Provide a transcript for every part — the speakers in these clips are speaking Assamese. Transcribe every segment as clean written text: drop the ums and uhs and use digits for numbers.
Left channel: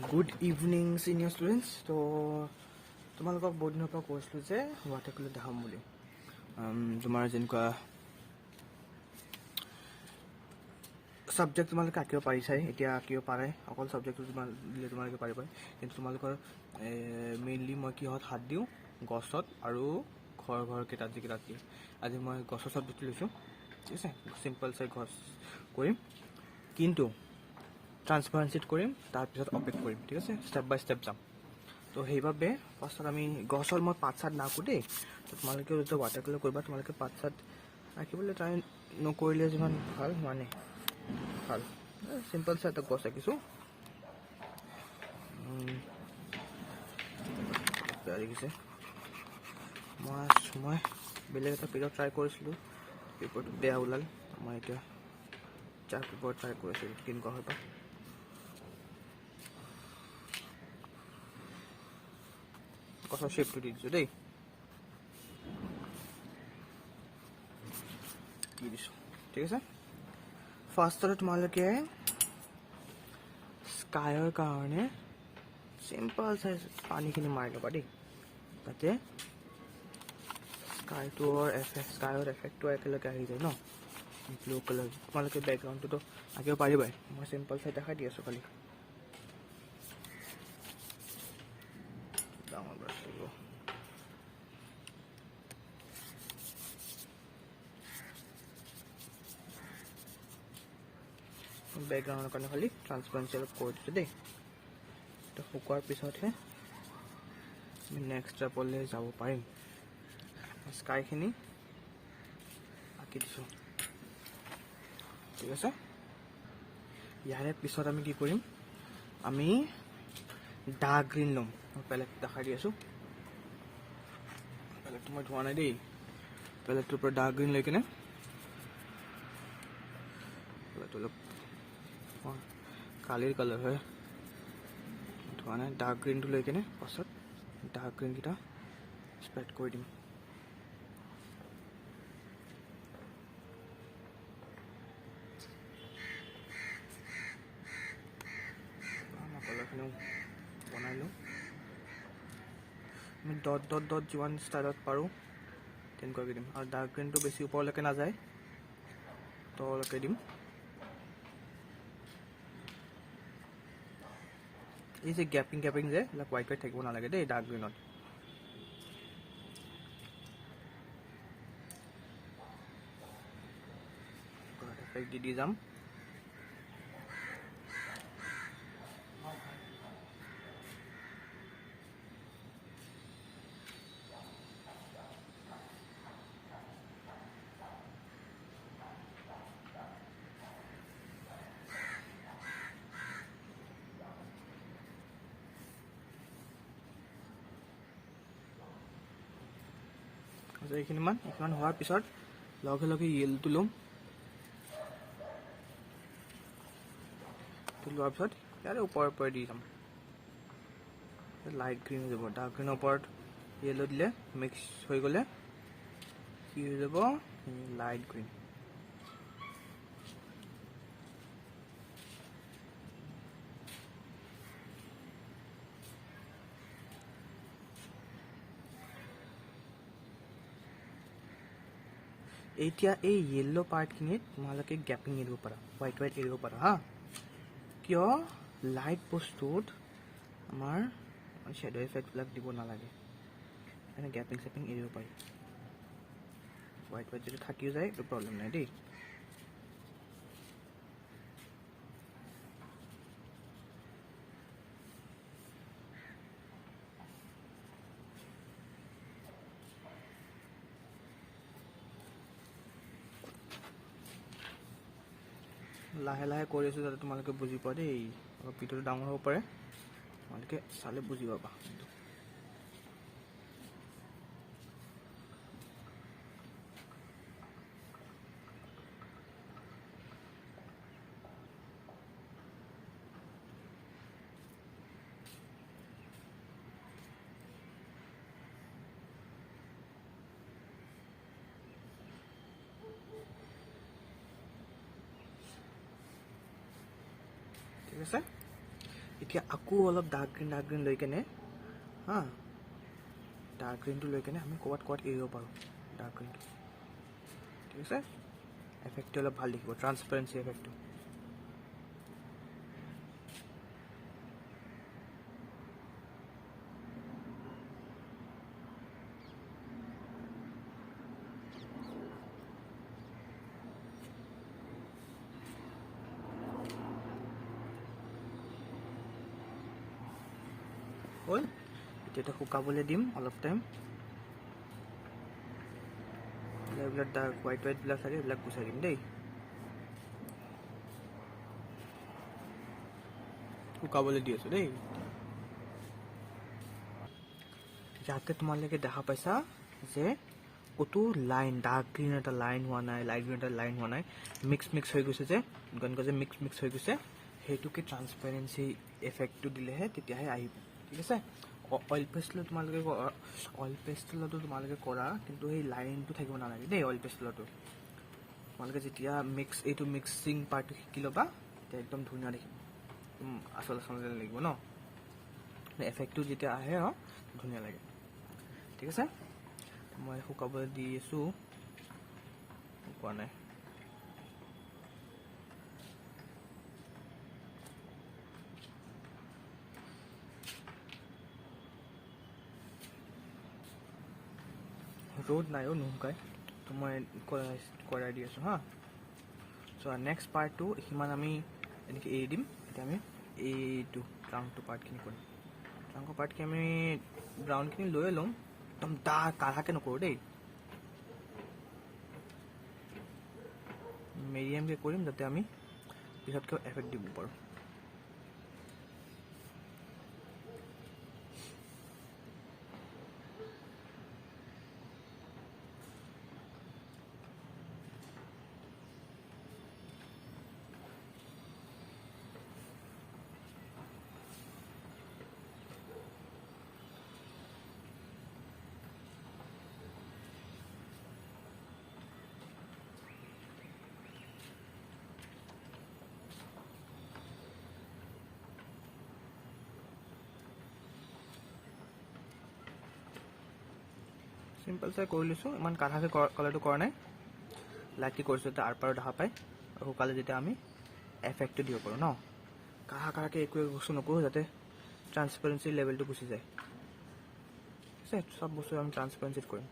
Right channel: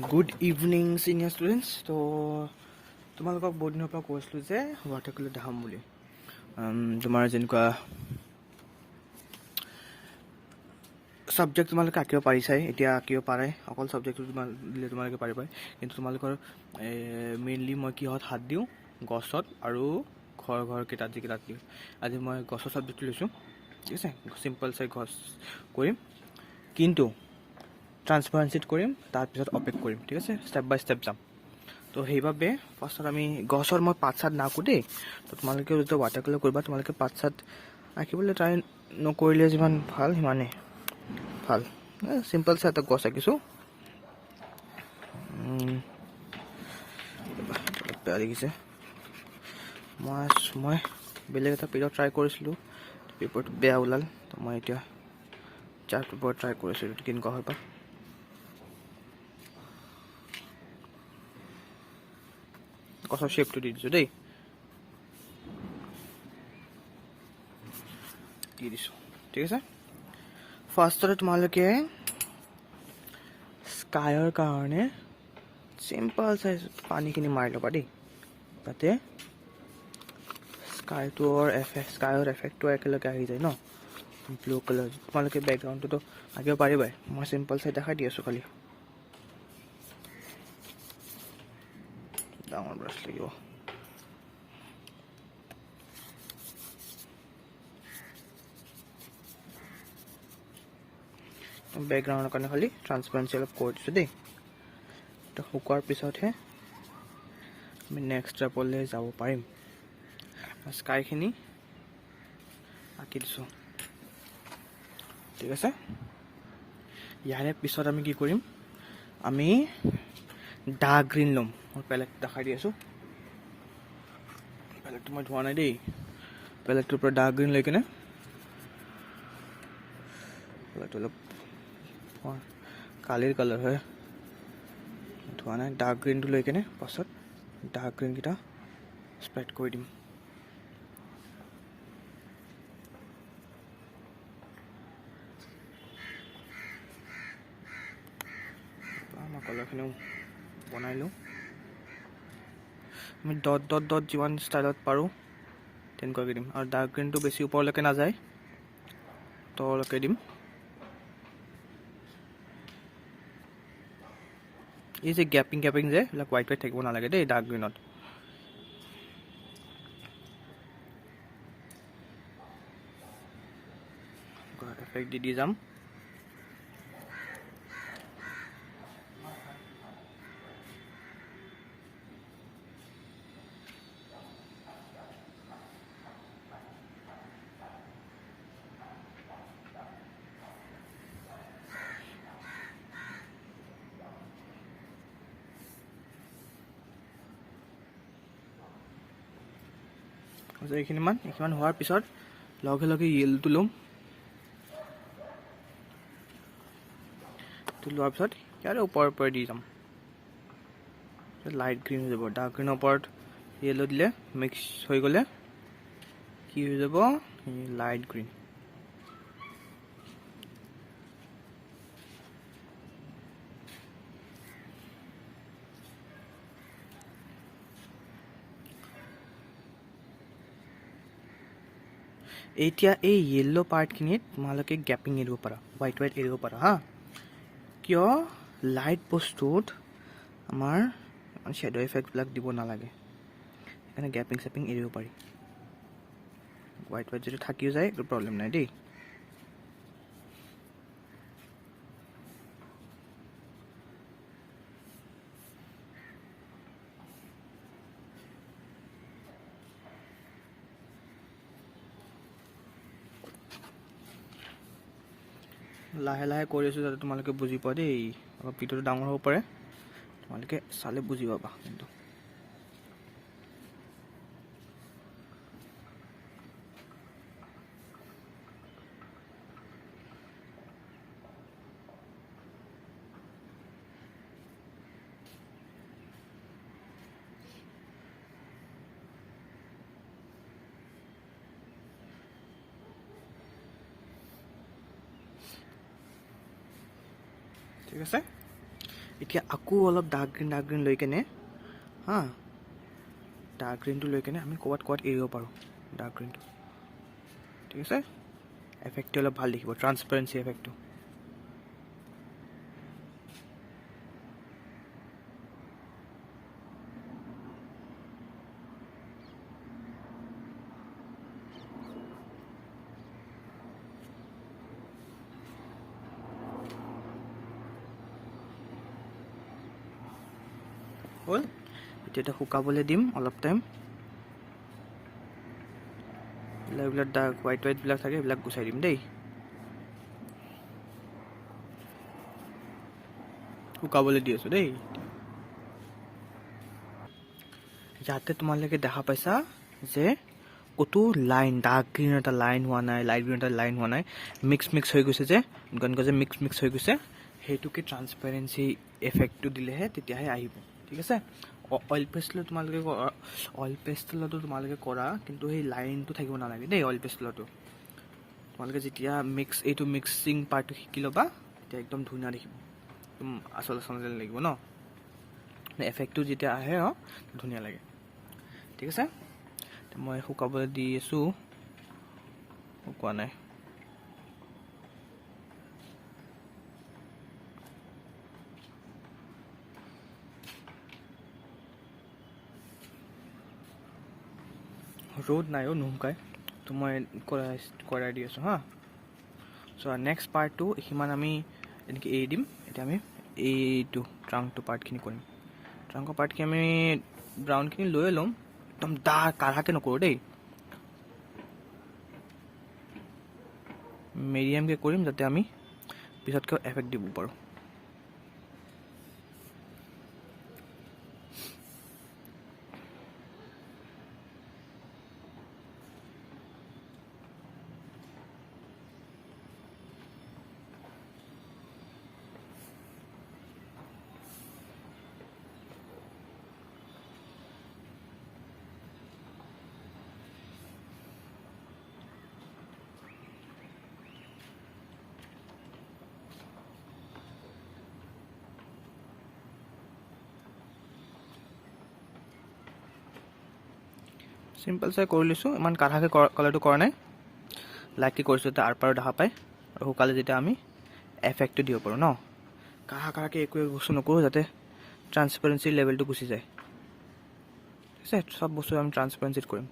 Good evening, senior students. তো তোমালোকক বহুত দিনৰ পৰা কৈছিলোঁ যে ৱাটাৰ কালাৰ দেখাম বুলি। তোমাৰ যেনেকুৱা ছাবজেক্ট তোমালোকে আঁকিব পাৰিছাই, এতিয়া আঁকিব পাৰে। অকল ছাবজেক্টটো দিলে তোমালোকে পাৰিবাই, কিন্তু তোমালোকৰ মেইনলি মই কিহত হাত দিওঁ, গছত আৰু ঘৰকেইটাত যিকেইটাত দিওঁ। আজি মই গছৰ ছাবজেক্টটো লৈছোঁ, ঠিক আছে। চিম্পল চাই গছ কৰিম, কিন্তু ট্ৰান্সপাৰেঞ্চিত কৰিম, তাৰপিছত অপেক কৰিম, ঠিক আছে। ষ্টেপ বাই ষ্টেপ যাম। তো সেইবাবে ফাৰ্ষ্টত আমি গছৰ মই পাত চাত নাকোঁ দেই। তো তোমালোকেও যেতিয়া ৱাটাৰ কালাৰ কৰিবা, তোমালোকে পাত চাত আঁকিবলৈ ট্ৰাই নকৰিলে যিমান ভাল সিমানেই ভাল। চিম্পল চাই এটা গছ আঁকিছোঁ, বেয়া দেখিছে। মই বেলেগ এটা পেপাৰত ট্ৰাই কৰিছিলোঁ, পেপাৰটো বেয়া ওলাল। তো মই এতিয়া চাৰ্ট পেপাৰত ট্ৰাই কৰিছোঁ, এইটো কেনেকুৱা হয় বা। গছৰ শ্বেপটো দি দিছোঁ দেই, দি দিছোঁ, ঠিক আছে। ফাৰ্ষ্টতে তোমালোকে স্কাইৰ কাৰণে চিম্পল চাই পানীখিনি মাৰি ল'বা দেই, যাতে স্কাইৰ এফেক্টটো একেলগে আহি যায় ন। ব্লু কালাৰ তোমালোকে বেকগ্ৰাউণ্ডটোতো আঁকিব পাৰিবাই, মই চিম্পল চাই দেখাই দি আছোঁ। খালি ডাঙৰ ব্ৰাছ লাগিব। বেকগ্ৰাউণ্ডৰ কাৰণে খালি ট্ৰান্সপাৰেঞ্চি অলপ কৰি দিছোঁ দেই। তো শুকোৱাৰ পিছতহে আমি নেক্সট ষ্টেপলৈ যাব পাৰিম। স্কাইখিনি আঁকি দিছোঁ, ঠিক আছে। ইয়াৰে পিছত আমি কি কৰিম, আমি ডাৰ্ক গ্ৰীণ ল'ম। মই পেলেট দেখাই দি আছোঁ, পেলেটটো মই ধোৱা নাই দেই। পেলেটটোৰ পৰা ডাৰ্ক গ্ৰীণ লৈ কিনে, পেলেটটো অলপ কালিৰ কালাৰ হয়, ধোৱা নাই। ডাৰ্ক গ্ৰীণটো লৈ কিনে পাছত ডাৰ্ক গ্ৰীণকেইটা স্প্ৰেড কৰি দিম। কালাৰখিনিও বনাই লওঁ। আমি ডট ডট ডট যিমান ষ্টাইলত পাৰোঁ তেনেকুৱাকৈ দিম, আৰু ডাৰ্ক গ্ৰীণটো বেছি ওপৰলৈকে নাযায়, তললৈকে দিম। এই যে গেপিং যে এইবিলাক হোৱাইট থাকিব নালাগে দেই ডাৰ্ক গ্ৰীণত। এফেক্ট দি যাম। এইখিনিমান হোৱাৰ পিছত লগে লগে য়েল্লোটো ল'ম। লোৱাৰ পিছত ইয়াৰে ওপৰে দি যাম, লাইট গ্ৰীণ হৈ যাব। ডাৰ্ক গ্ৰীণৰ ওপৰত য়েল্লো দিলে মিক্স হৈ গ'লে কি হৈ যাব, লাইট গ্ৰীণ। এতিয়া এই য়েল্লো পাৰ্টখিনিত তোমালোকে গেপিং এৰিব পাৰা, হোৱাইট এৰিব পাৰা হা। কিয়, লাইট বস্তুত আমাৰ শ্বেডো এফেক্টবিলাক দিব নালাগে, সেইকাৰণে গেপিং চেপিং এৰিব পাৰি। হোৱাইট যদি থাকিও যায় একো প্ৰব্লেম নাই দেই। লাহে লাহে কৰি আছোঁ যাতে তোমালোকে বুজি পোৱা দেই। অলপ ভিডিঅ'টো ডাঙৰ হ'ব পাৰে, তোমালোকে চালে বুজি পাবা। কিন্তু ঠিক আছে, এতিয়া আকৌ অলপ ডাৰ্ক গ্ৰীণ লৈ কেনে হা ডাৰ্ক গ্ৰীণটো লৈ কেনে আমি ক'ৰবাত এৰিব পাৰোঁ ডাৰ্ক গ্ৰীণটো ঠিক আছে এফেক্টটো অলপ ভাল দেখিব ট্ৰান্সপাৰেঞ্চি এফেক্টটো হ'ল এতিয়া শুকাবলৈ দিম অলপ টাইম এইবিলাক ডাৰ্ক হোৱাইটবিলাক থাকে এইবিলাক গুচাই দিম দেই শুকাবলৈ দি আছোঁ দেই যাতে তোমালোকে দেখা পাইছা যে ক'তো লাইন ডাৰ্ক গ্ৰীণ এটা লাইন হোৱা নাই লাইট গ্ৰীণ এটা লাইন হোৱা নাই মিক্স হৈ গৈছে যে এনেকুৱা যে মিক্স হৈ গৈছে সেইটোকে ট্ৰান্সপাৰেঞ্চি এফেক্টটো দিলেহে তেতিয়াহে আহিব ঠিক আছে অইল পেষ্টেলতো তোমালোকে কৰা কিন্তু সেই লাইনটো থাকিব নালাগে দেই অইল পেষ্টেলতো তোমালোকে যেতিয়া এইটো মিক্সিং পাৰ্টটো শিকি ল'বা তেতিয়া একদম ধুনীয়া দেখিব একদম আচল লাগিব ন এফেক্টটো যেতিয়া আহে ধুনীয়া লাগে ঠিক আছে মই শুকাবলৈ দি আছোঁ শুকোৱা নাই ৰ'দ নাই নুশুকাই তো মই কৰাই দি আছোঁ হা চ' নেক্সট পাৰ্টটো সিমান আমি এনেকৈ এৰি দিম এতিয়া আমি এইটো ট্ৰাংকটো পাৰ্টখিনি কৰিম ট্ৰাংকৰ পাৰ্টখিনি আমি ব্ৰাউনখিনি লৈ ল'ম একদম কাঢ়াকৈ নকৰোঁ দেই মিডিয়ামকৈ কৰিম যাতে আমি পিছতকৈ এফেক্ট দিব পাৰোঁ চিম্পল চাই কৰি লৈছোঁ ইমান কাঢ়াকৈ কালাৰটো কৰা নাই লাইটকৈ কৰিছোঁ যাতে আৰ পাৰো দেখা পায় আৰু শুকালে যেতিয়া আমি এফেক্টটো দিব পাৰোঁ ন কাঢ়াকৈ একো বস্তু নকৰোঁ যাতে ট্ৰান্সপাৰেঞ্চিৰ লেভেলটো গুচি যায় ঠিক আছে চব বস্তু আমি ট্ৰান্সপাৰেঞ্চিত কৰিম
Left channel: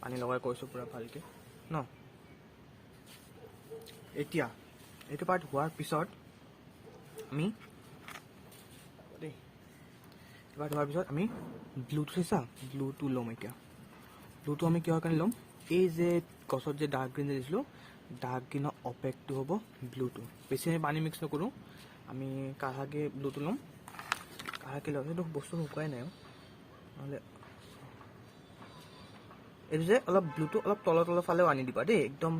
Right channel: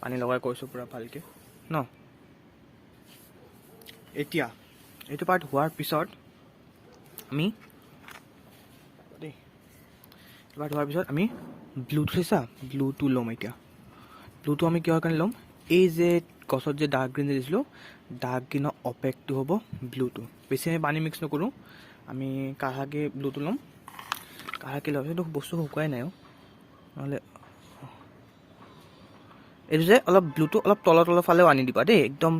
পানী লগাই কৰিছোঁ পূৰা ভালকৈ ন এতিয়া এইটো পাৰ্ট হোৱাৰ পিছত আমি দেই এইটো পাৰ্ট হোৱাৰ পিছত আমি ব্লুটো চাইছা ব্লুটো ল'ম এতিয়া ব্লুটো আমি কিহৰ কাৰণে ল'ম এই যে গছত যে ডাৰ্ক গ্ৰীণ দিছিলোঁ ডাৰ্ক গ্ৰীণৰ অপেকটো হ'ব ব্লুটো বেছি আমি পানী মিক্স নকৰোঁ আমি কাঢ়াকৈ ব্লুটো ল'ম কাঢ়াকৈ ল'ম সেইটো বস্তু শুকুৱাই নাই নহ'লে এইটো যে অলপ ব্লুটো অলপ তলৰ ফালেও আনি দিবা দেই একদম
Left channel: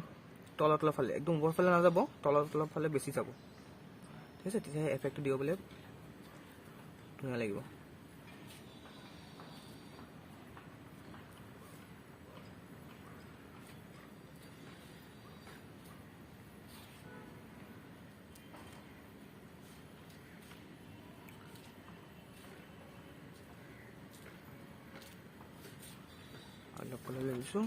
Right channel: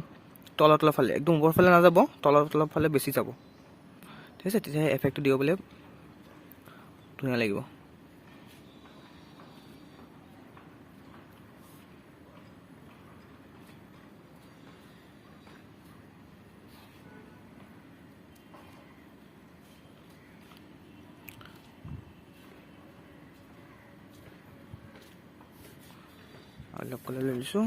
তলৰ ফালে একদম ওপৰ ফালে নাযাব তলৰ ফালে বেছি যাব ঠিক আছে তেতিয়াহে এফেক্টটো দিবলৈ ধুনীয়া লাগিব অলপ কালাৰ লৈ লৈছোঁ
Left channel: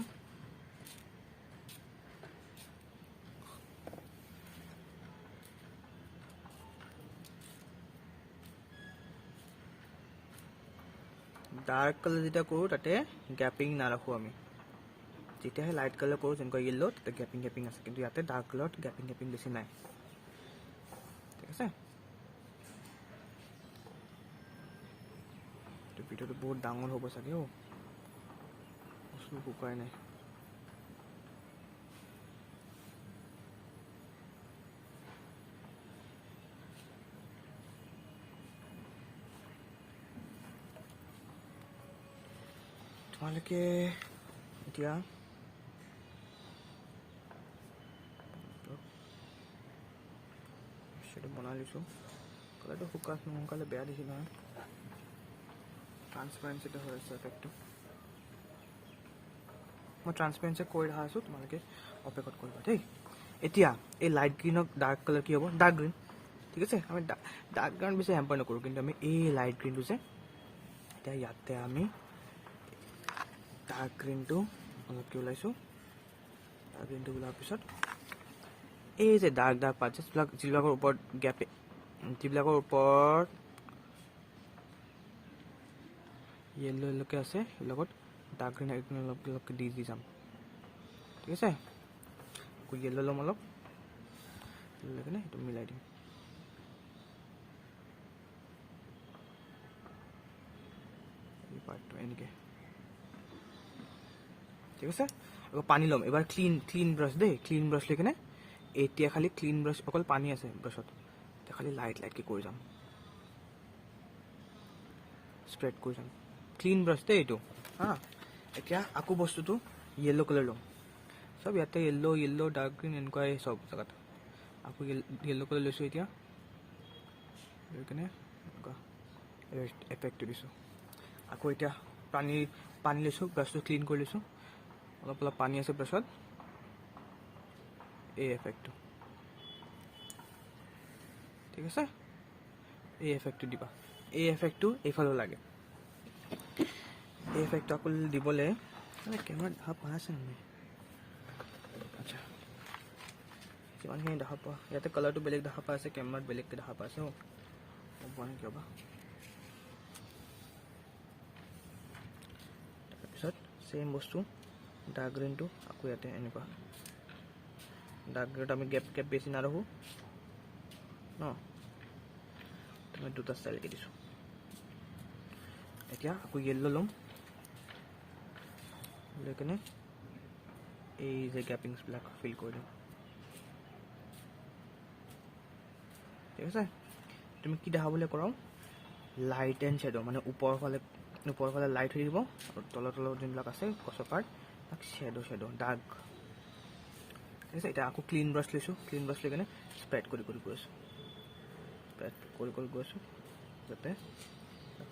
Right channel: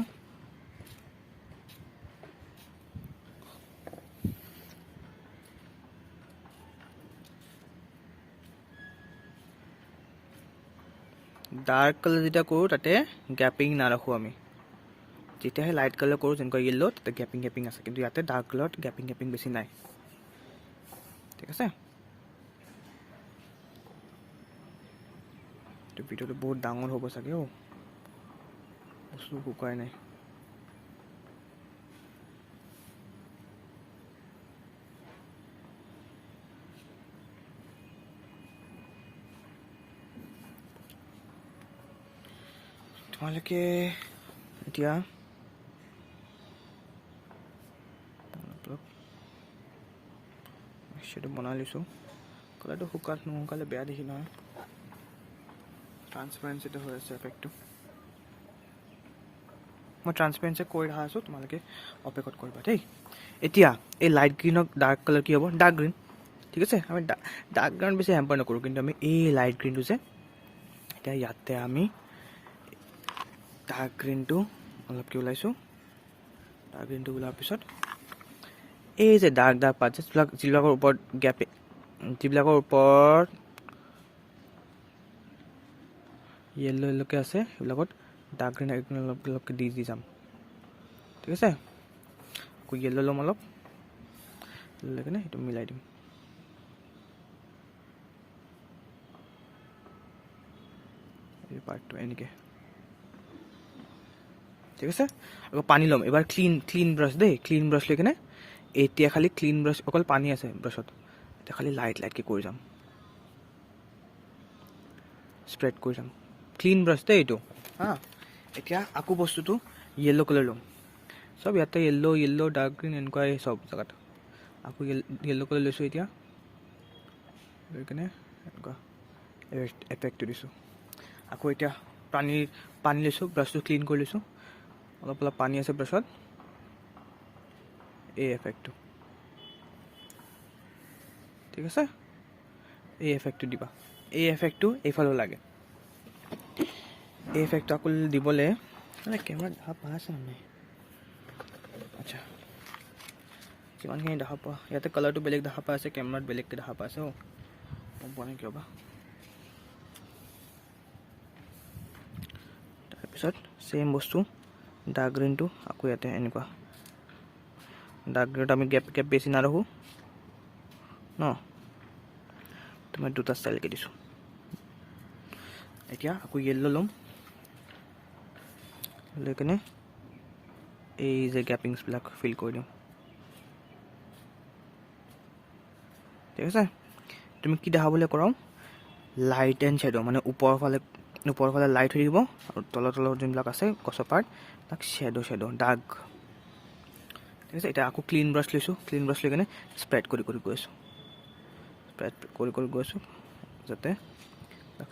ডাৰ্ক কালাৰ যেতিয়া কৰোঁ তাতে গেপিং নাৰাখোঁ আমি যেতিয়াহে লাইট কালাৰ কৰোঁ যেনেকুৱা য়েল্ল' তাতে গেপিং আছে কিন্তু ইয়াতে ডাৰ্ক কালাৰত গেপিং বেছি নাই ঠিক আছে ভিডিঅ'টো বহুত ডাঙৰ হ'ব চাগে বস্তু শুকুৱাই নাই তোমালোকে এতিয়া সেইটো বনাই লৈছোঁ কালাৰটো নুশুকালে বেয়া দেখি নহয় ট্ৰান্সপাৰেঞ্চিটো হৈ আছে এফেক্টটো মই ট্ৰান্সপাৰেঞ্চি কৰি ৰখা আছোঁ তোমালোকে অপেক্ষত কৰিবা দেই এতিয়া এই লাইট গ্ৰীণক ডাৰ্ক কালাৰ কি হ'ব ডাৰ্ক গ্ৰীণ ঠিক আছে। আমি ডাৰ্ক গ্ৰাউণ্ড বেছি হেম্পাৰ নকৰোঁ, কিন্তু আমি এই লাইট গ্ৰীণটো যে এতিয়া ইয়াতে আমি ডাৰ্ক গ্ৰীণটো অলপকৈ ওলাইছোঁ। ডাৰ্ক গ্ৰীণটো ওলোৱাৰ পিছত এই যে ডাৰ্ক পাৰ্ট যিবিলাকৰ ওপৰত গেপ, যিবিলাকৰ ওপৰত য়েল্ল'কৈ আছে সেইবিলাকত ডাৰ্ক গ্ৰীণ অলপকৈ দি যাম। ঠিক আছে। আকৌ য়েল্ল' ল'ম অলপ, লৈ কিনে সেইটো মিলাই দিম। এই পাৰ্টটো এনেকৈ, ঠিক আছে। আকৌ পানী ল'ম এবাৰ, ক্লিন ব্ৰাছ দেই, ক্লিন ব্ৰাছ লৈ কিনে এতিয়া খালি ক্লিন ব্ৰাছ, অকল পানী আছে ব্ৰাছত, এতিয়া খালি লাইটকৈ কৰি যাম, স্প্ৰেড কৰি যাম। ক্লিন ব্ৰাছ দেই এইটো হা। এতিয়া আকৌ বস্তুটো য়েল্ল' কালাৰ ল'ম, চব ইয়াতে য়েল্ল' ডাৰ্ক গ্ৰীণ এনেকুৱাই চব জেগাত। আকৌ য়েল্ল' কালাৰ লৈছোঁ এতিয়া, লৈ কিনে এনেকুৱা এফেক্টটো দিছোঁ। আকৌ এতিয়া পানী লৈছোঁ, ব্ৰাছটো ক্লিন কৰি লৈছোঁ, অলপ পানী আছে ব্ৰাছত, এই এফেক্টটো, ঠিক আছে। এই এফেক্টটো দিবা, এই এফেক্টটো এইফালেও লাগে। এই এফেক্টটো আকৌ দিবলৈ মানে কেমেৰাত দেখা পাই আছে মানে, আচ্ছা কিমানখিনি দেখা পোৱা, ইয়াতে কালাৰটো বেলেগ দেখা পাই আছে, কেমেৰাত বেলেগকৈ দেখা পাই আছে। গম পোৱা নাই কিয় বা। তাৰপিছত ছেইম বস্তু ডাৰ্ক গ্ৰীণটো আকৌ ইয়াতে এনেকুৱা, ডাৰ্ক গ্ৰীণত আমি গেপ বেছি নাৰাখোঁ ন, মই দুটা ষ্টাইলকৈ দিছোঁ। এতিয়া আকৌ য়েল্ল' ল'ম, লৈ কিনে এই যে গেপিংছবিলাক ফিল কৰি দিওঁ, ঠিক আছে। তুমি কি দেখাবলৈ কৰাওঁ, লাইট এণ্ড শ্বেডো, মানে ওপৰৰ ফালে লাইট হৈ থাকিব, আৰু তলৰ যোনবিলাক আছে গছৰ পাৰ্ট তাক শ্বেডো ডাৰ্ক, ঠিক আছে। এতিয়া আকৌ ক্লিন ব্ৰাছ লৈছোঁ, ক্লিন ব্ৰাছ লৈ কিনে স্প্ৰেড কৰি গৈ আছোঁ, যাতে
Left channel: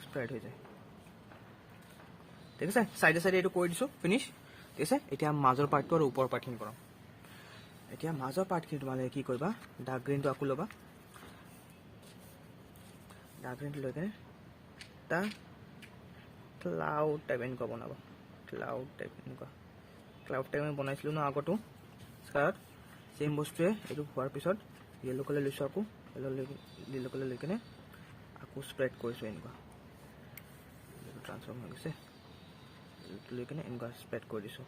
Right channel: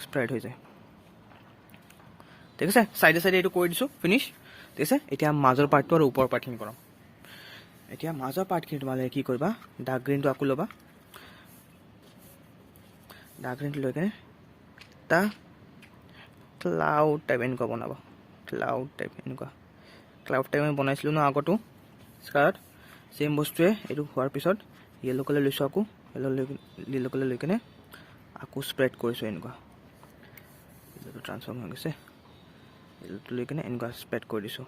স্প্ৰেড হৈ যায়, ঠিক আছে। চাইডে এইটো কৰি দিছোঁ, ফিনিছ, ঠিক আছে। এতিয়া মাজৰ পাৰ্টটো আৰু ওপৰৰ পাৰ্টখিনি কৰাম। এতিয়া মাজৰ পাৰ্টখিনি তোমালোকে কি কৰিবা, ডাৰ্ক গ্ৰীণটো আকৌ ল'বা, ডাৰ্ক গ্ৰীণটো লৈ কিনে এটা ক্লাউড টাইপ এনেকুৱা বনাবা, ক্লাউড টাইপ আমি বনাইছিলোঁ ন আগতো স্কাৰত, ছেইম বস্তুৱে এইটো হোৱাৰ পিছত য়েল্ল' কালাৰ লৈছোঁ, আকৌ য়েল্ল' কালাৰ লৈ কিনে আকৌ স্প্ৰেড কৰিছোঁ এনেকুৱা, ট্ৰান্সফৰ্ম হৈ গৈছে, য়েল্ল'টো লৈ কিনে এনেকুৱা স্প্ৰেড কৰি দিছোঁ,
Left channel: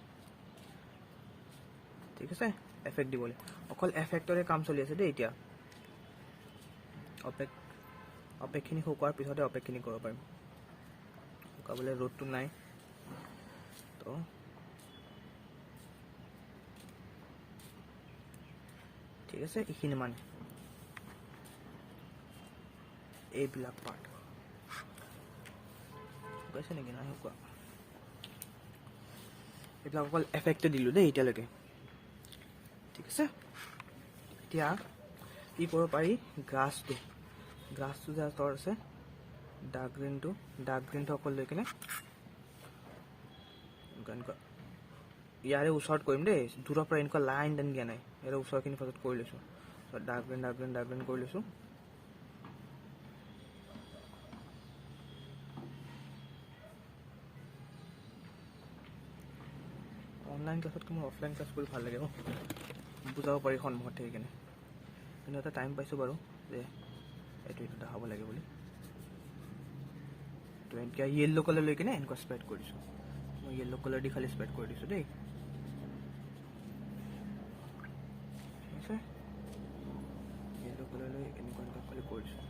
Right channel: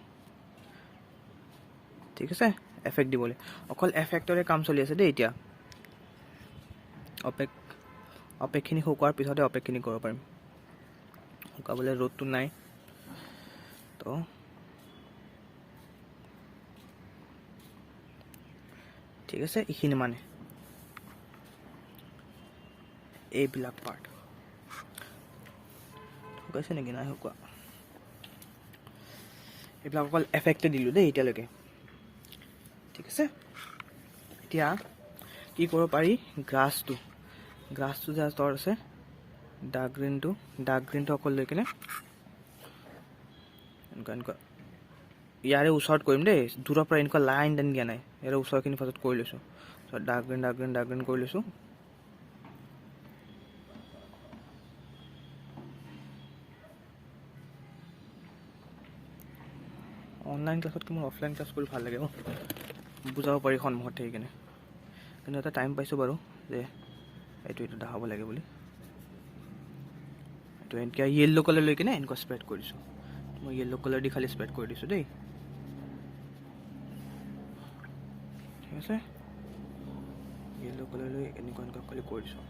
ঠিক আছে। এফেক্ট দিবলৈ অকল এফেক্টৰে কাম চলি আছে দেই। এতিয়া অপেকখিনি শুকোৱাৰ পিছতে অপেকখিনি কৰিব পাৰিম, শুকাবলৈ ৰ'দটো নাই তো, ঠিক আছে। এইখিনি মানে এইবিলাক পাৰ্ট শুকাইছে নেকি, নাই শুকোৱা, এইবিলাক অকল এফেক্টটো দিলোঁ দেই এতিয়ালৈকে, ঠিক আছে। এতিয়া কি কৰিব পাৰি, গ্ৰাছটো যে তলত আছে, ডাৰ্ক গ্ৰীণটো অকল লৈ কিনে এনেকুৱা ইয়াৰে ওচৰত কৰিম দেই, দূৰৰ পৰা এনেকুৱা লাইন দিয়া নাই, ইয়াৰে ওচৰখিনি ফাৰ্ষ্টত কৰি লৈছোঁ, ডাৰ্ক গ্ৰীণ কৰি লৈছোঁ। অনলাইন ক্লাছতকৈ মোৰ অফলাইন ক্লাছ কৰি ভাল লাগে, বুজাব পাৰি সন্মুখত থাকি কিনে, কিন্তু এটা টাইম পাইছোঁ বাৰু যে এইটো দেখাব লাগে বুলি। তো এতিয়া য়েল্ল' কালাৰ লৈ কিনে এনেকুৱা স্প্ৰেড কৰি দিছোঁ, মই য়েল্ল' কালাৰ দি খালি স্প্ৰেড কৰি দিছোঁ দেই, ঠিক আছে। য়েল্ল' কালাৰ লৈ এনেকুৱা খালি কৰি দিছোঁ।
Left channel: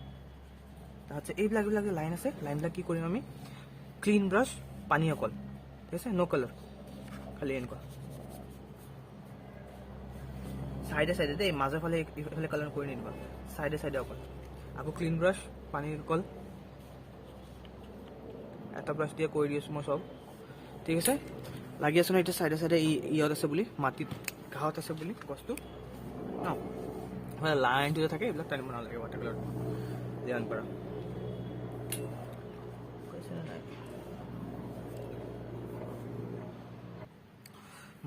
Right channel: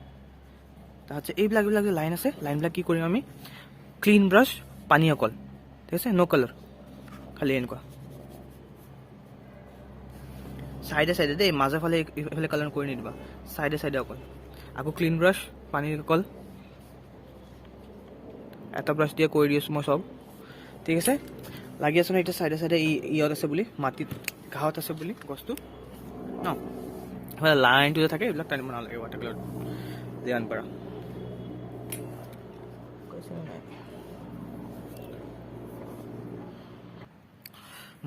তাৰপিছত এইবিলাক যে লাইন আছে, লাইনবিলাক কি কৰিম আমি, ক্লিন ব্ৰাছ, পানী অকল, ঠিক আছে, ন' কালাৰ, খালি এনেকুৱা চাইডে দেই, মাজৰ ফালে এইফালে কালাৰ কৰি নিদিবা, চাইডে অকল। আকৌ ক্লিন ব্ৰাছ, পানী অকল, এটা ব্ৰাছ দিয়ে কৰি দি আছোঁ মই চব, ঠিক আছে। লাগি আছোঁ ন এতিয়া চাইডে ইয়াত আছে বুলি, মাটিত ঘাঁহত আছে বুলি গছটো ন, লাইনটো যে থাকে এইবিলাক টানিব নালাগে, ৱাটাৰ কালাৰ যিমান পাৰা।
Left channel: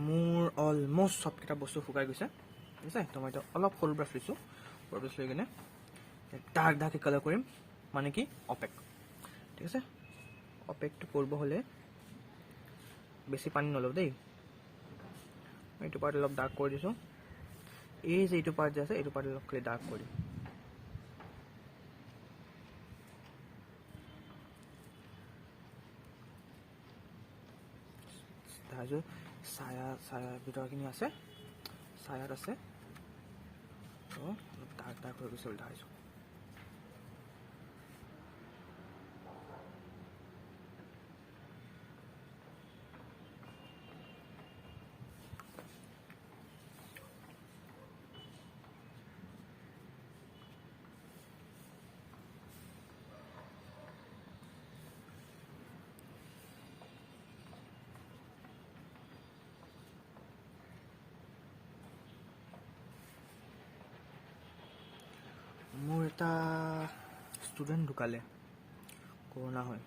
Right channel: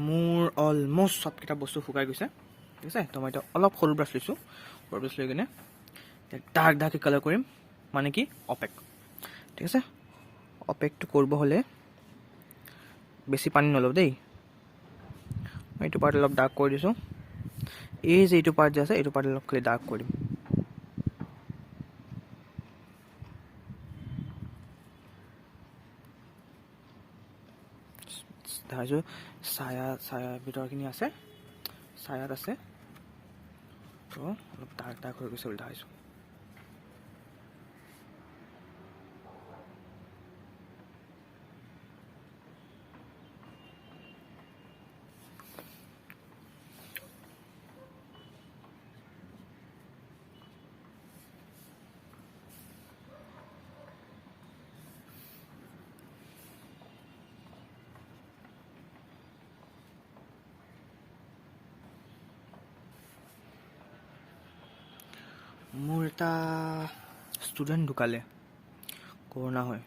মোৰ অলমষ্ট চবকেইটা বস্তু শুকাই গৈছে, ঠিক আছে। তো মই এতিয়া অলপ সৰু ব্ৰাছ লৈছোঁ, সৰু ব্ৰাছ লৈ কিনে ডাৰ্ক ডাৰ্ককৈ কালাৰ কৰিম, মানে কি অপেক। ঠিক আছে, অপেকটো কৰিব হ'লে বেছি পানী নলওঁ দেই। মই এইটো পাৰ্ট অলপ ডাৰ্ক কৰি দিছোঁ। এই যে এইটো পাৰ্ট যে আছে, এইটো পাৰ্ট অলপ খালি ডাৰ্ক কৰি দিম। দেখাইছোঁ ছায়া ভিতৰখিনি আছে, ছায়াত আছে, তো অলপ ডাৰ্ক ডাৰ্ক হৈ গৈছে বুলি দেখাইছোঁ। মোৰ এটা ষ্টুডেণ্ট ঢুকালে, কৰোণা হয়,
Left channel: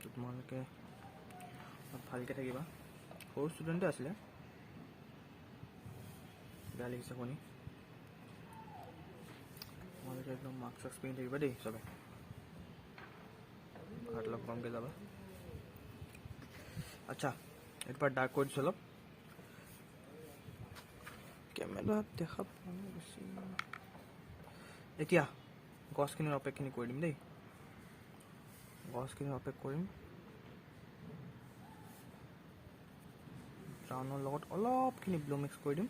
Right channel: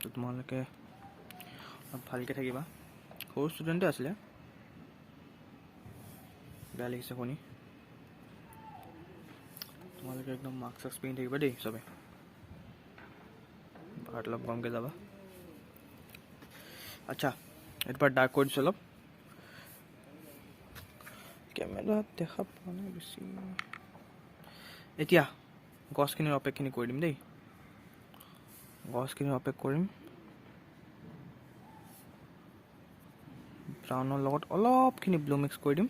তো তোমালোকে অলপ ভালকৈ থাকিবা। সৰু ষ্টুডেণ্টে আছিলে, বেয়া লাগিছে শুনি। তোমালোকে একদম মাস্ক চাস্ক পিন্ধি থাকিবা দেই চবে, ভাত অলপ কমকৈ যাবা। আচ্ছা, এইটো পাৰ্ট ডাৰ্ক কৰি দিছোঁ অলপ। কেমেৰাত দেখা পোৱা নাই বেছি। এতিয়া গছখিনিৰ অপেকখিনি কৰি দিম দেই। গছখিনিৰ অপেক কৰিম, ব্ৰাউনৰ লগত অলপখিনি ব্লু মিক্স কৰি দিম।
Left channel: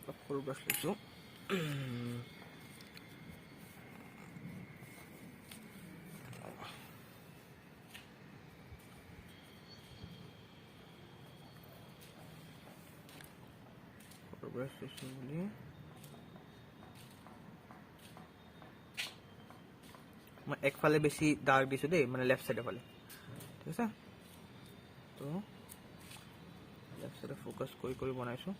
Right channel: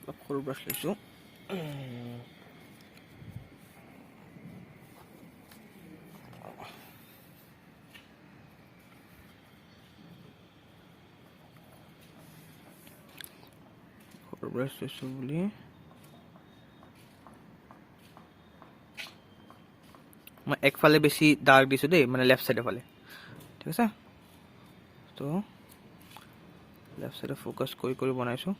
অলপ সৰু ব্ৰাছ লৈছোঁ। ব্ৰাছ লৈছোঁ বুলি মই একফালে বেছি ডাৰ্ক দিছোঁ দেই, মানে লেফ্ট চাইডৰ ফালে। ঠিক আছে, তো লেফ্ট চাইডে ফ'কাছ কৰি কৰি বনাইছোঁ।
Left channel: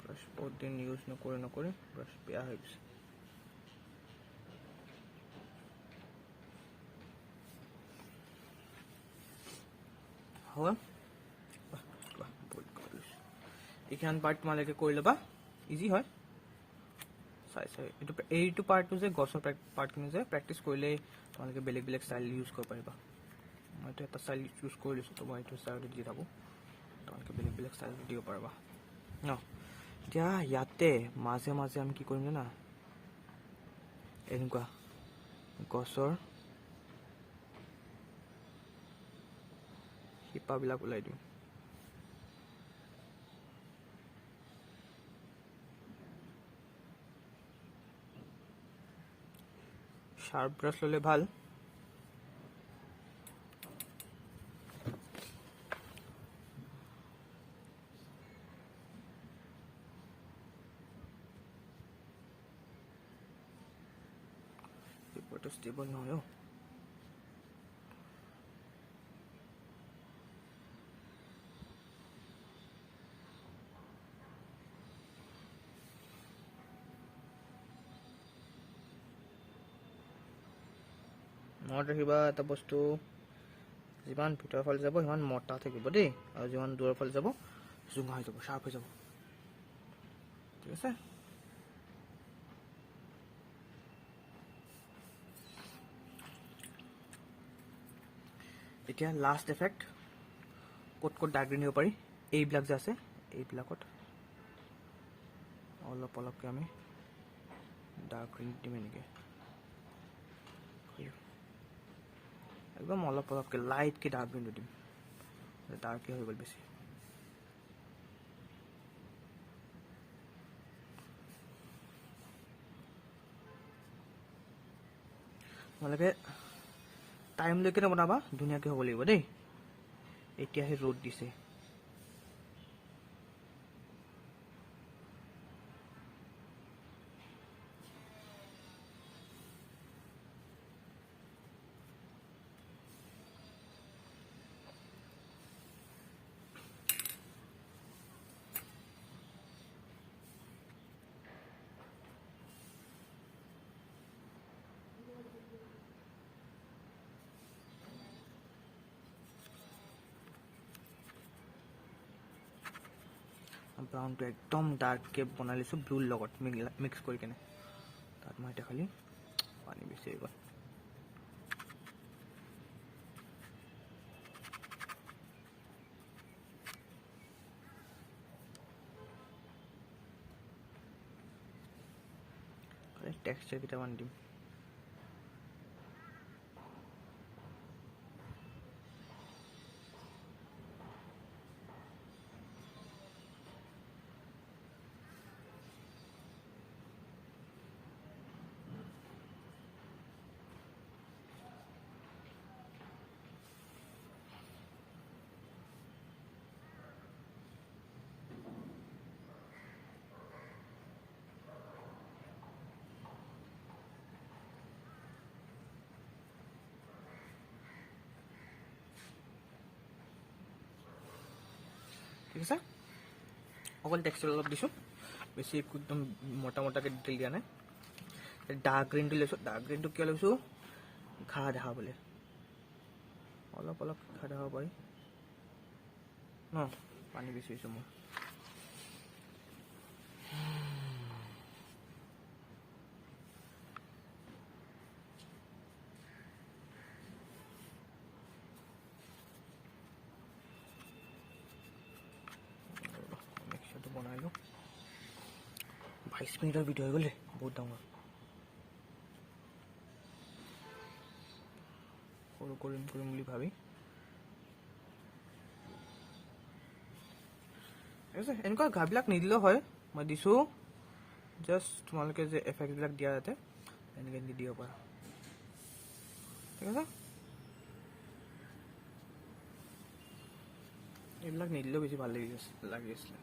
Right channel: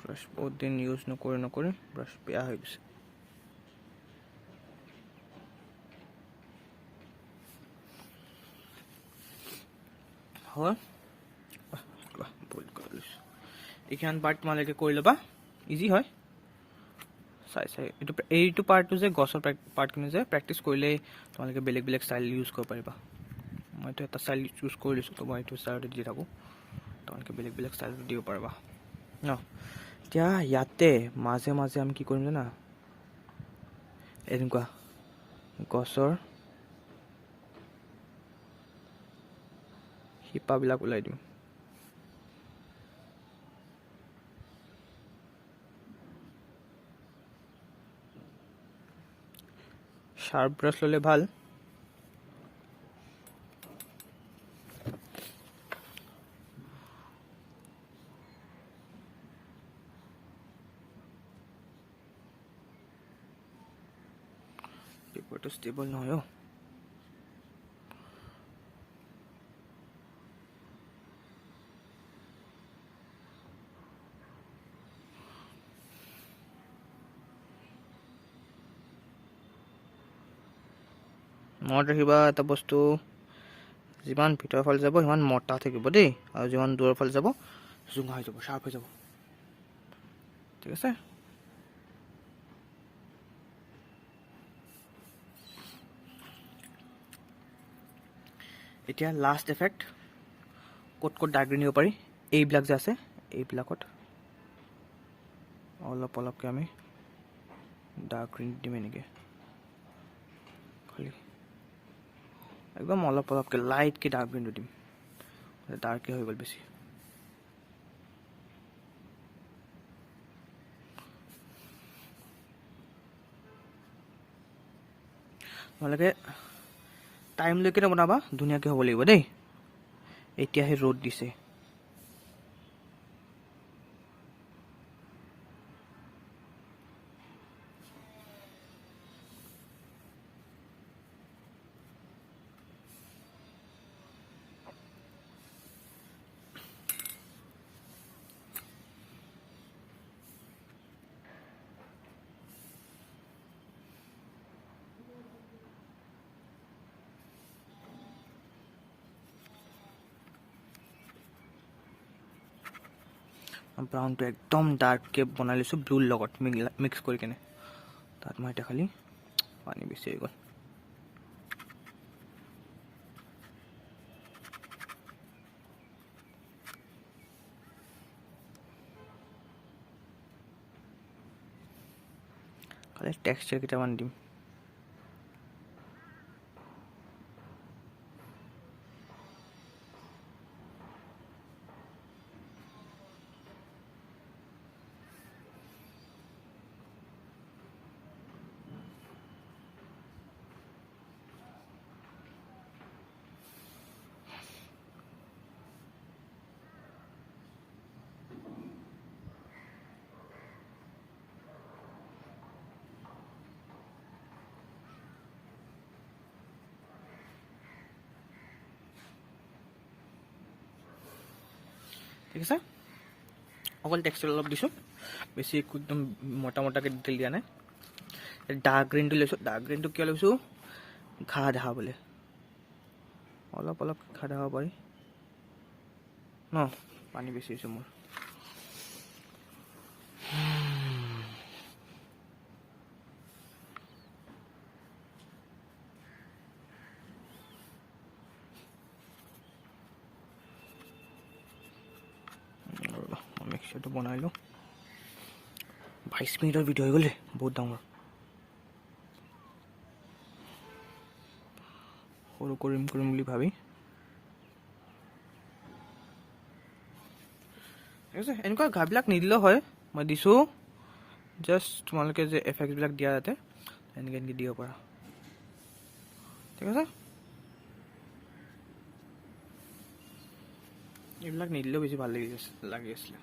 ব্ৰাছ বহুত দিন ইউজ নকৰি ব্ৰাছ বেয়া হৈ গৈছে। হয়, এইখন পাৰ্ট তোমালোকে কৰি ল'বা, ইজি হয়। চাই এইটো পাৰ্টটো যে গছৰ পাৰ্টখিনি যে প্ৰেক্টিচ কৰিলেই তোমালোকে বেলেগ বেলেগ ষ্টাইল ইউজ কৰিব পাৰিবা। মইতো এটা ষ্টাইল চুজ কৰি লৈছোঁ, তো মই এইটো ষ্টাইলতে দি থাকোঁ, তোমালোকে বেলেগ বেলেগ ষ্টাইলটো দিব পাৰিবা ন। এতিয়া ইয়াতে মাজে মাজে আমি কি কৰিম জানা, এনেকুৱা গছৰ শিপাবিলাক ওলাই দিওঁ। শাৰ্প ব্ৰাছ ল'লে ভাল। পেপাৰটো ষ্টেবল নহয় অ'। মনত ৰাখিবা এটা বস্তু, যিমান ভিতৰৰ ফালে যাব সিমান মোটা থাকিব দেই, আৰু যিমান দূৰৰ ফালে যাব জোঙা হৈ যাব, শ্বাৰ্প হৈ যাব। ঠিক আছে, এতিয়া লাষ্ট এফেক্ট ক'ত ক'ত ডাৰ্ক গ্ৰীণ দিব পাৰি, এইবিলাক যে আছে এইবিলাকত অলপ অলপকৈ আমি ডাৰ্ক গ্ৰীণ দিম এনেকৈ খালি একদম অলপ অলপকৈ লাইটকৈ ডাৰ্ক গ্ৰীণটো দিম ডাৰ্কে হৈ গ'ল বেছি তোমালোকে টাইম লৈ কিনে বনাবা ধুনীয়াকৈ হ'ব লাগিব দেই এতিয়াহে ৰ'দ দিছে ব্ৰাউনটো একদম ডাৰ্ককৈ বনাই লৈছোঁ ব্লুৰ লগত মিক্স কৰি কেনে তাত মই এতিয়া খালি পানী বেছি হৈ গ'ল খালি টেক্সচাৰ কেইটামান দিম ঠিক আছে অকল টেক্সচাৰ অলপ দিছোঁ বেছি একো একদম মোটা মোটাকৈ ডিটেইল দিয়া নাই ডাৰ্ক গ্ৰীণটো লৈছোঁ ডাৰ্ক গ্ৰীণটো কিয় লৈছোঁ ঘাঁহ দেখাবলৈ অলপ অলপ ঘাঁহ দেখাব পাৰি ন পানী বেছি হৈছে মোৰ মিক্সাৰটো বনাই লওঁ 22 মিনিটৰ ভিডিঅ' হৈ গ'ল বহুত ডাঙৰ সৰু কৰিম বুলি ভাবি ঠিক আছে এনেকুৱা ঘাঁহবিলাক নিদিলেও হয় মই দিছোঁ জাষ্ট তোমালোকে যে এফেক্টবিলাক দিয়া যাতে এনেকৈ এনেকৈ দিব পাৰা ঠিক আছে এইবিলাক নিদিলেও বেছি ভাল লাগি আছিলে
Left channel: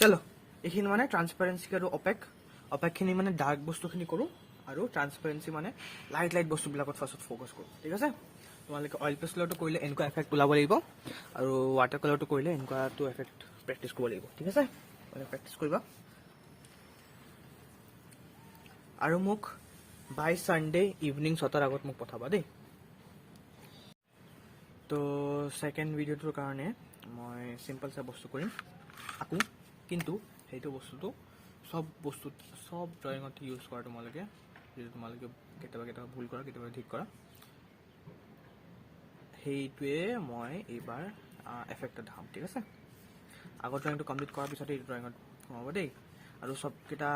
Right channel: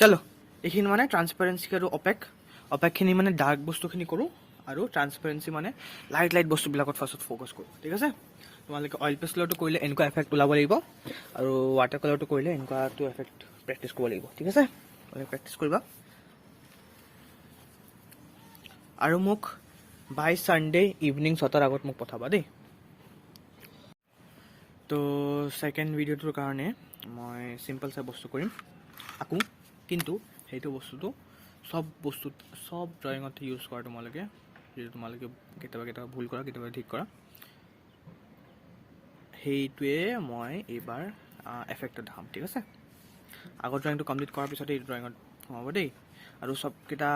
চলো এইখিনি মানে ট্ৰান্সপাৰেঞ্চি আৰু অপেকখিনি মানে ডাৰ্ক বস্তুখিনি কৰোঁ আৰু ট্ৰান্সপাৰেঞ্চি মানে লাইট বস্তুবিলাকত ফাৰ্ষ্টত ফ'কাছ কৰোঁ ঠিক আছে তোমালোকে অইল পেষ্টেলৰটো কৰিলে এনেকুৱা এফেক্ট ওলাব লাগিব আৰু ৱাটাৰ কালাৰটো কৰিলে এনেকুৱাটো এফেক্ট প্ৰেক্টিছ কৰিব লাগিব ঠিক আছে প্ৰেক্টিছ কৰিবা আৰু মোক বাই ছানডে ইভিনিং 6টাৰ আগত মোক পঠাবা দেই তো ছেকেণ্ড ভিডিঅ'টোৰ কাৰণে মই চিম্পল চাই বস্তু কৰিম আকৌ কিন্তু সেইটো বস্তুটো চব ড্ৰয়িঙত ইউজ কৰা তোমালোকে যিটো তোমালোকে কেতিয়াবা ভুল কৰা কেতিয়াবা ঠিক কৰা সেইটোৱে মই এইবাৰ এফেক্টত দেখাম ঠিক আছে আগৰ ড্ৰয়িংটো কমপ্লিট কৰাৰ পিছতে এই ড্ৰয়িঙত সোমাব দেই আৰু চবকেইটা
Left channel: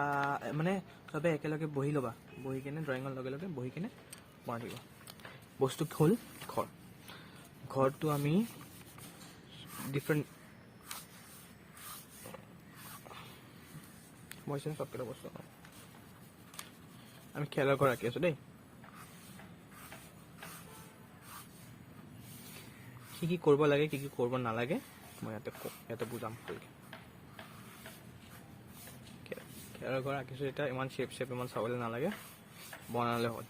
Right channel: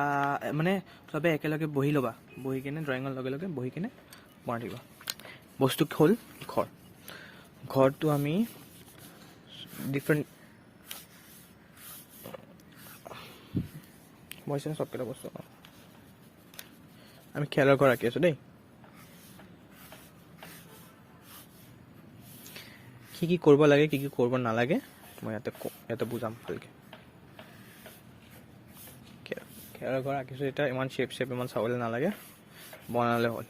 মানে চবে একেলগে বহি ল'বা বহি কিনে ড্ৰয়িঙৰ লগে লগে বহি কিনে বনাই থাকিবা বস্তু হ'ল ঘৰটো আমি ডিফাৰেণ্ট মই চবকেইটা বস্তু আমি খেলৰ ঘৰ আঁকি আছোঁ দেই কি কৰিব লাগে কি কৰিব নালাগে মই ইয়াতে বুজাম ভালকৈ খেৰৰ ঘৰ আঁকিছোঁ এতিয়া ইমান শ্বেপ ইমান চাবলৈ নালাগে বনালে হ'ল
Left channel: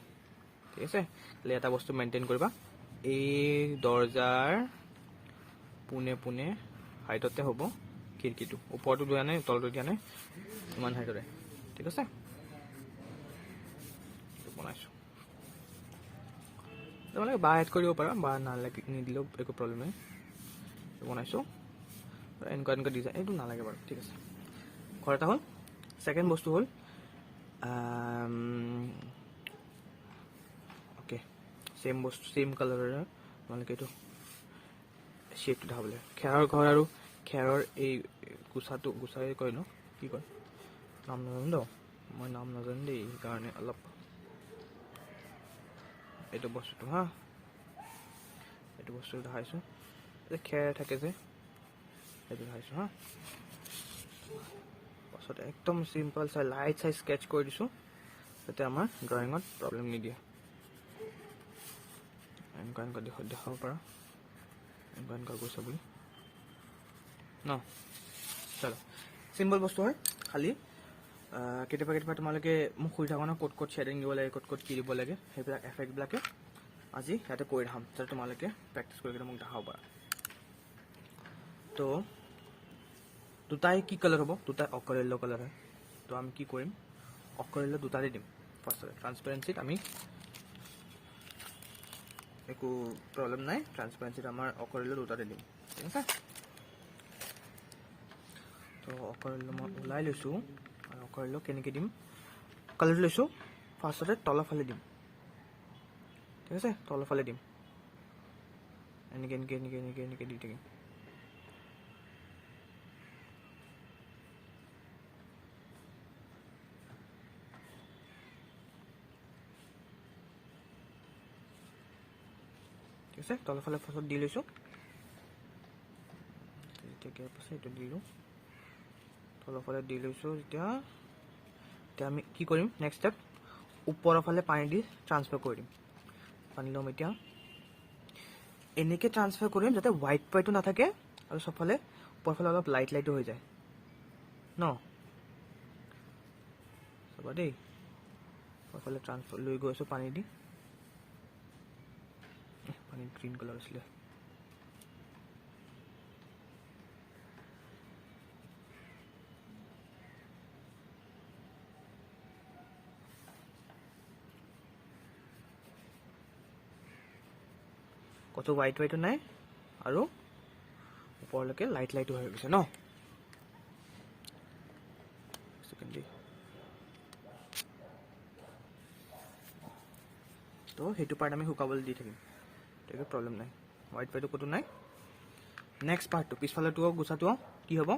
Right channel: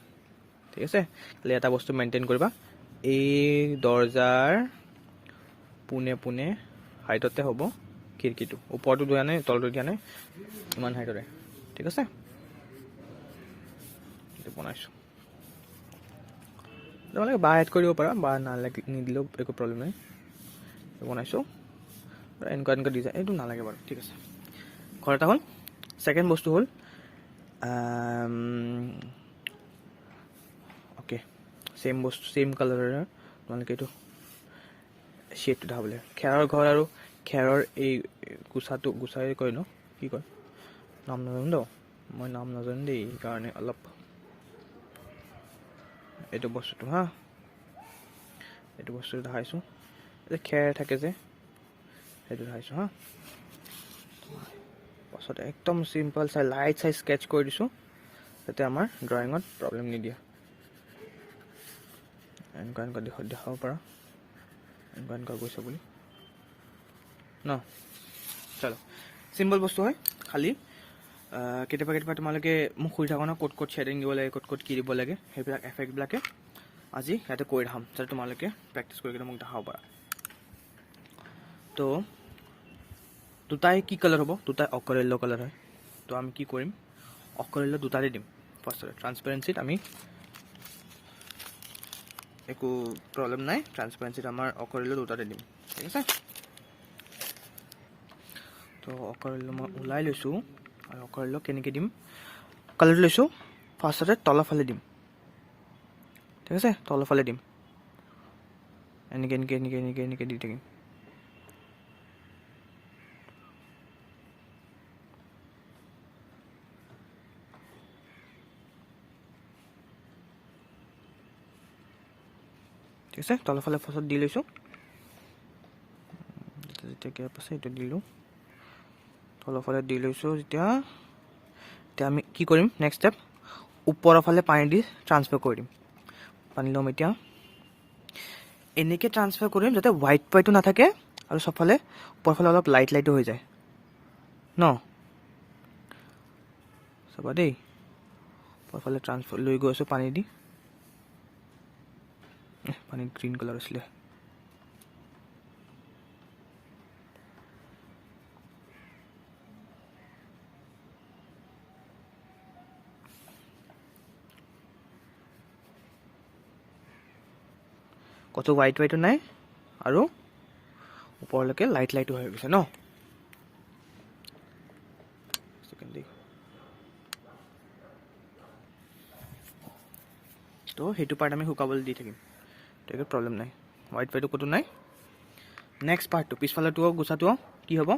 ঠিক আছে খালি এটা বস্তু মেইনটেইন কৰিবা এই দৰ্জাৰ পোনে হাইটতে হ'ব খিৰিকীটো ওপৰটো দিয়া নাই তলটো দিয়া নাই ইমান হাইটতে ঠিক আছে বনাইছোঁ তোমালোকে বাঁহ এড কৰিব পাৰা বাঁহ নিদিলেও একো প্ৰব্লেম নাই বনাইছোঁ এনেকুৱা ডিজাইন এইটো নালাগে বাৰু ঠিক আছে ঘৰ এটা হ'ল ছেকেণ্ড বস্তু হ'ল অ'কে ছেম কালাৰৰ তোমালোকে এইটো শ্বেডটো দেখাবলৈ খেৰৰ ঘৰ আৰু খেৰৰ এই গুচাই কয় ন কি কয় নাম নাজানো মই নাম নাজানো দেই, সেইকাৰণে অলপ এইটো বস্তুটো হা, এইটো বস্তু দেখাইছোঁ, যে খেৰ থাকে যে সেইটো দেখাইছোঁ হা। পাছত একদম চিম্পল চাই লাইট চাই স্কেচ কৰি দিছোঁ, যাতে আমাৰ ড্ৰয়িঙত প্ৰব্লেম নিদিয়ে। এনেকুৱা দেখাব পাৰা, এনেকুৱা গৈছে বুলি ন। চলো, চিম্পল বস্তু হয়, খালি কেতিয়াবা তোমালোকে মোক সুধি থাকা ন ক'ত শ্বেডিং দিব লাগে, ক'ত কি দিব লাগে, সেইবিলাক এফেক্টবিলাকে আজি ইয়াতে কৰি দেখাম, যাতে তোমালোকে প্ৰেক্টিছ কৰি কিনে মোক দেখাব পাৰা। তো দুটাই কি কালাৰ হ'ব, দুটাই অকৰ য়েল্ল' কালাৰ হয়। তো আমি কি কৰিম, অকৰ য়েল্ল' দুটাতে দিম। ফাৰ্ষ্টতে ট্ৰান্সপাৰেঞ্চিত আমি একো প্ৰব্লেম নাই, ট্ৰান্সপাৰেঞ্চিত আমাৰ অকৰ য়েল্ল' দুটাতে দিম, ঠিক আছে। তো অকৰ য়েল্ল' মই ওলাই লৈছোঁ, আৰু অকৰ য়েল্ল' কেনেকৈ দিম, কালাৰটো লৈছোঁ, ফাৰ্ষ্টতে তলৰ ফালে দিম, ঠিক আছে। তলৰ ফালে দিম, এনেকৈ দি থাকিম। ঠিক আছে, তলৰ ফালে ফাৰ্ষ্টত দি লৈছোঁ, যেতিয়া গেপ আছে এইটো দিলোঁ, তলৰ ফালে দি লৈছোঁ। এতিয়া আমি কি কৰিম, নেক্সট ষ্টেপ, ওপৰৰ ফালে পানী দি ট্ৰান্সফাৰ কৰি দিম। পানী ল'ম এতিয়া, এনেকৈ ট্ৰান্সফাৰ কৰিম যাতে হোৱাইটটো নাথাকে, আৰু চবফালে ওপৰৰ ফালে অলপ লাইটো হৈ যায় ন। চাবা দেই, ওপৰৰ ফালে ট্ৰান্সফাৰ লৈ গৈ আছোঁ পানী দি, পানীত গ্ৰীণ কালাৰ আছিলে। কতো হোৱাইটো নাই, আৰু ওপৰলৈকে লাইটো হৈ গৈছে ন। তো সেইটো পাৰ্ট আমি শুকাবলৈ দি থাকিম, একো প্ৰব্লেম নাই, হোৱাইটো ক'তো নাই। নেক্সট পাৰ্টটো পিছফালেটো গুচাটো কি হ'ব,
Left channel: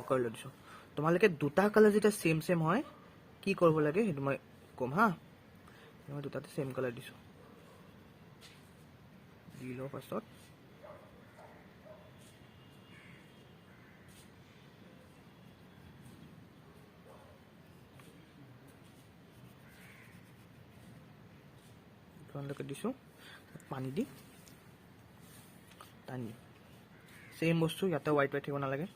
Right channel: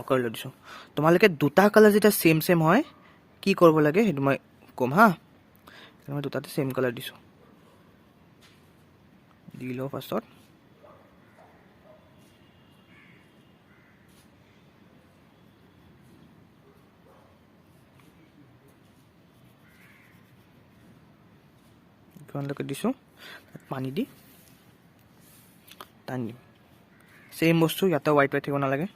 অকৰ য়েল্ল' দিছোঁ। তোমালোকে দুটা কালাৰ যেতিয়া ছেম হয়, কি কৰিব লাগে সেইটো মই ক'ম হা। মই দুটাতে ছেম কালাৰ দিছোঁ, দি লওঁ ফাৰ্ষ্টত। কিমানলৈকে দিছোঁ, পানী দি টানি দিম। ছেম বস্তু ইয়াতে হোৱাইট থাকিব নালাগে।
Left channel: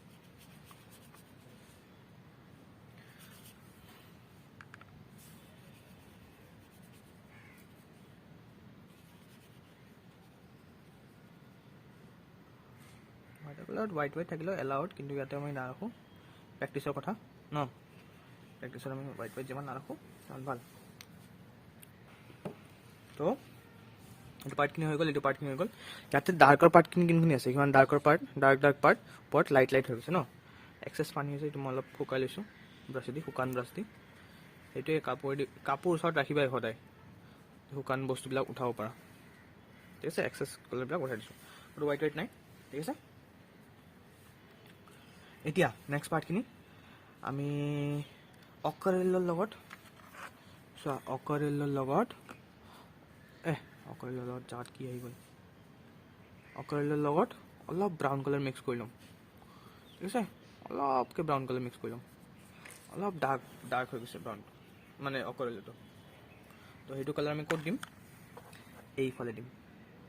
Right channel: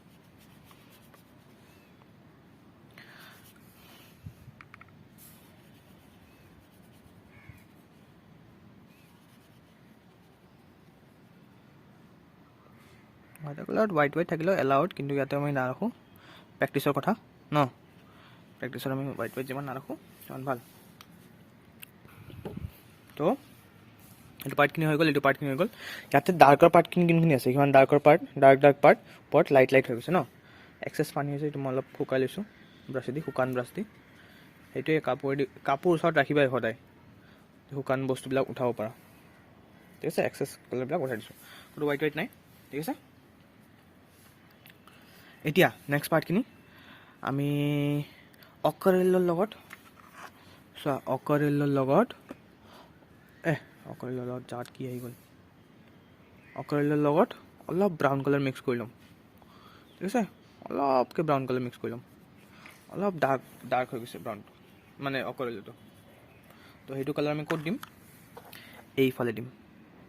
ৱাটাৰ কালাৰত হোৱাইট থাকিলেও এলাউড, কিন্তু ইয়াতে আমি নাৰাখোঁ, প্ৰেক্টিচৰ কথা ন। প্ৰেক্টিচত আমি হোৱাইট যিমান নাৰাখোঁ সিমান ভাল। তো এইটো পাৰ্টখিনি হৈ গ'ল, এইটো পাৰ্টখিনি হৈ গ'ল। ইয়াতে ডাৰ্কৰ পাৰ্টখিনি কোনখিনি আছে, সিমান ডাৰ্কৰ পাৰ্ট, ডাৰ্ক পাৰ্ট ওপৰত লাইট হৈ গৈছে ন। এক্সেছ পানী হৈছে, এইটো মই অলপ শুকাই লৈছোঁ ব্ৰাছেদি, শুকান ব্ৰাছ দি। সেইটোৱে কাপোৰ ওচৰত ৰাখিবাই সদায়, শুকান বস্তুবিলাক উঠাব পাৰা, ঠিক আছে। এক্সেছ কালাৰবিলাক উঠাই দিছোঁ, এইটো হোৱাইট নাই, ঠিক আছে। এতিয়া নেক্সট পাৰ্টখিনি আমি অকৰ য়েল্ল'ৰ লগত চোৱা, অকৰ য়েল্ল'ৰ লগত জাত কি আহি গ'ল, অকৰ য়েল্ল'ৰ লগত অলপ ব্ৰাউন কালাৰ মিক্স কৰি ল'ম, ঠিক আছে। অলপকৈ ব্ৰাউন কালাৰ মিক্স কৰি ল'ম, অলপ ডাৰ্ক হৈ গৈছে ব্ৰাউনটো, মানে অকৰ য়েল্ল'টো। তো সেইটো কালাৰ আমি ক'ত দিম, এইফালে দিম,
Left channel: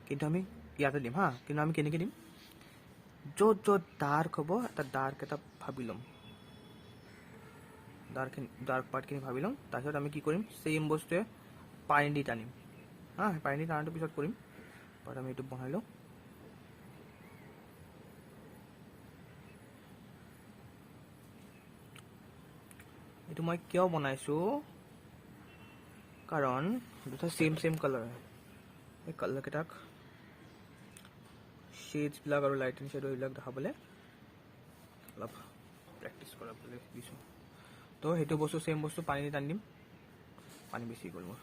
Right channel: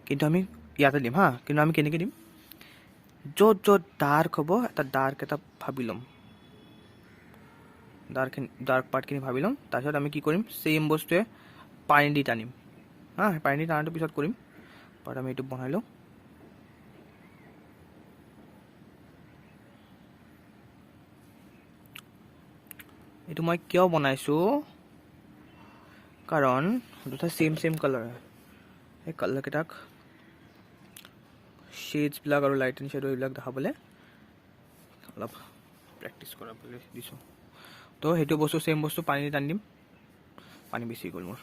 কিন্তু আমি ইয়াতে দিম হা। কিন্তু আমি কেনেকৈ দিম, য'ত ডাৰ্ক হ'ব ডাৰ্ক এটা ভাবি ল'ম, ডাৰ্ক পাৰ্টখিনি ভাবি ল'ম। তাৰপিছত আমি কি কৰিম, ছেম বস্তুৱে পানী দি টানিম হা। পানী দি টানাটো পিছত কৰিম, বাট আমি এইটো বনাই লওঁ। এইটো মই কিয় বনাইছোঁ, কাৰণ দুটা ছেম কালাৰ হয়, সেই কালাৰকেইটাক শ্বেডছবিলাক আৰু লাইট এণ্ড শ্বেডো এইবিলাক দেখাবলৈ অলপ প্ৰেক্টিচ কৰাবলৈ দিছোঁ। তো সেইটো বস্তু ছেম বস্তু পানী দি টানি দিম, পানী বেছি গ'ল মোৰ।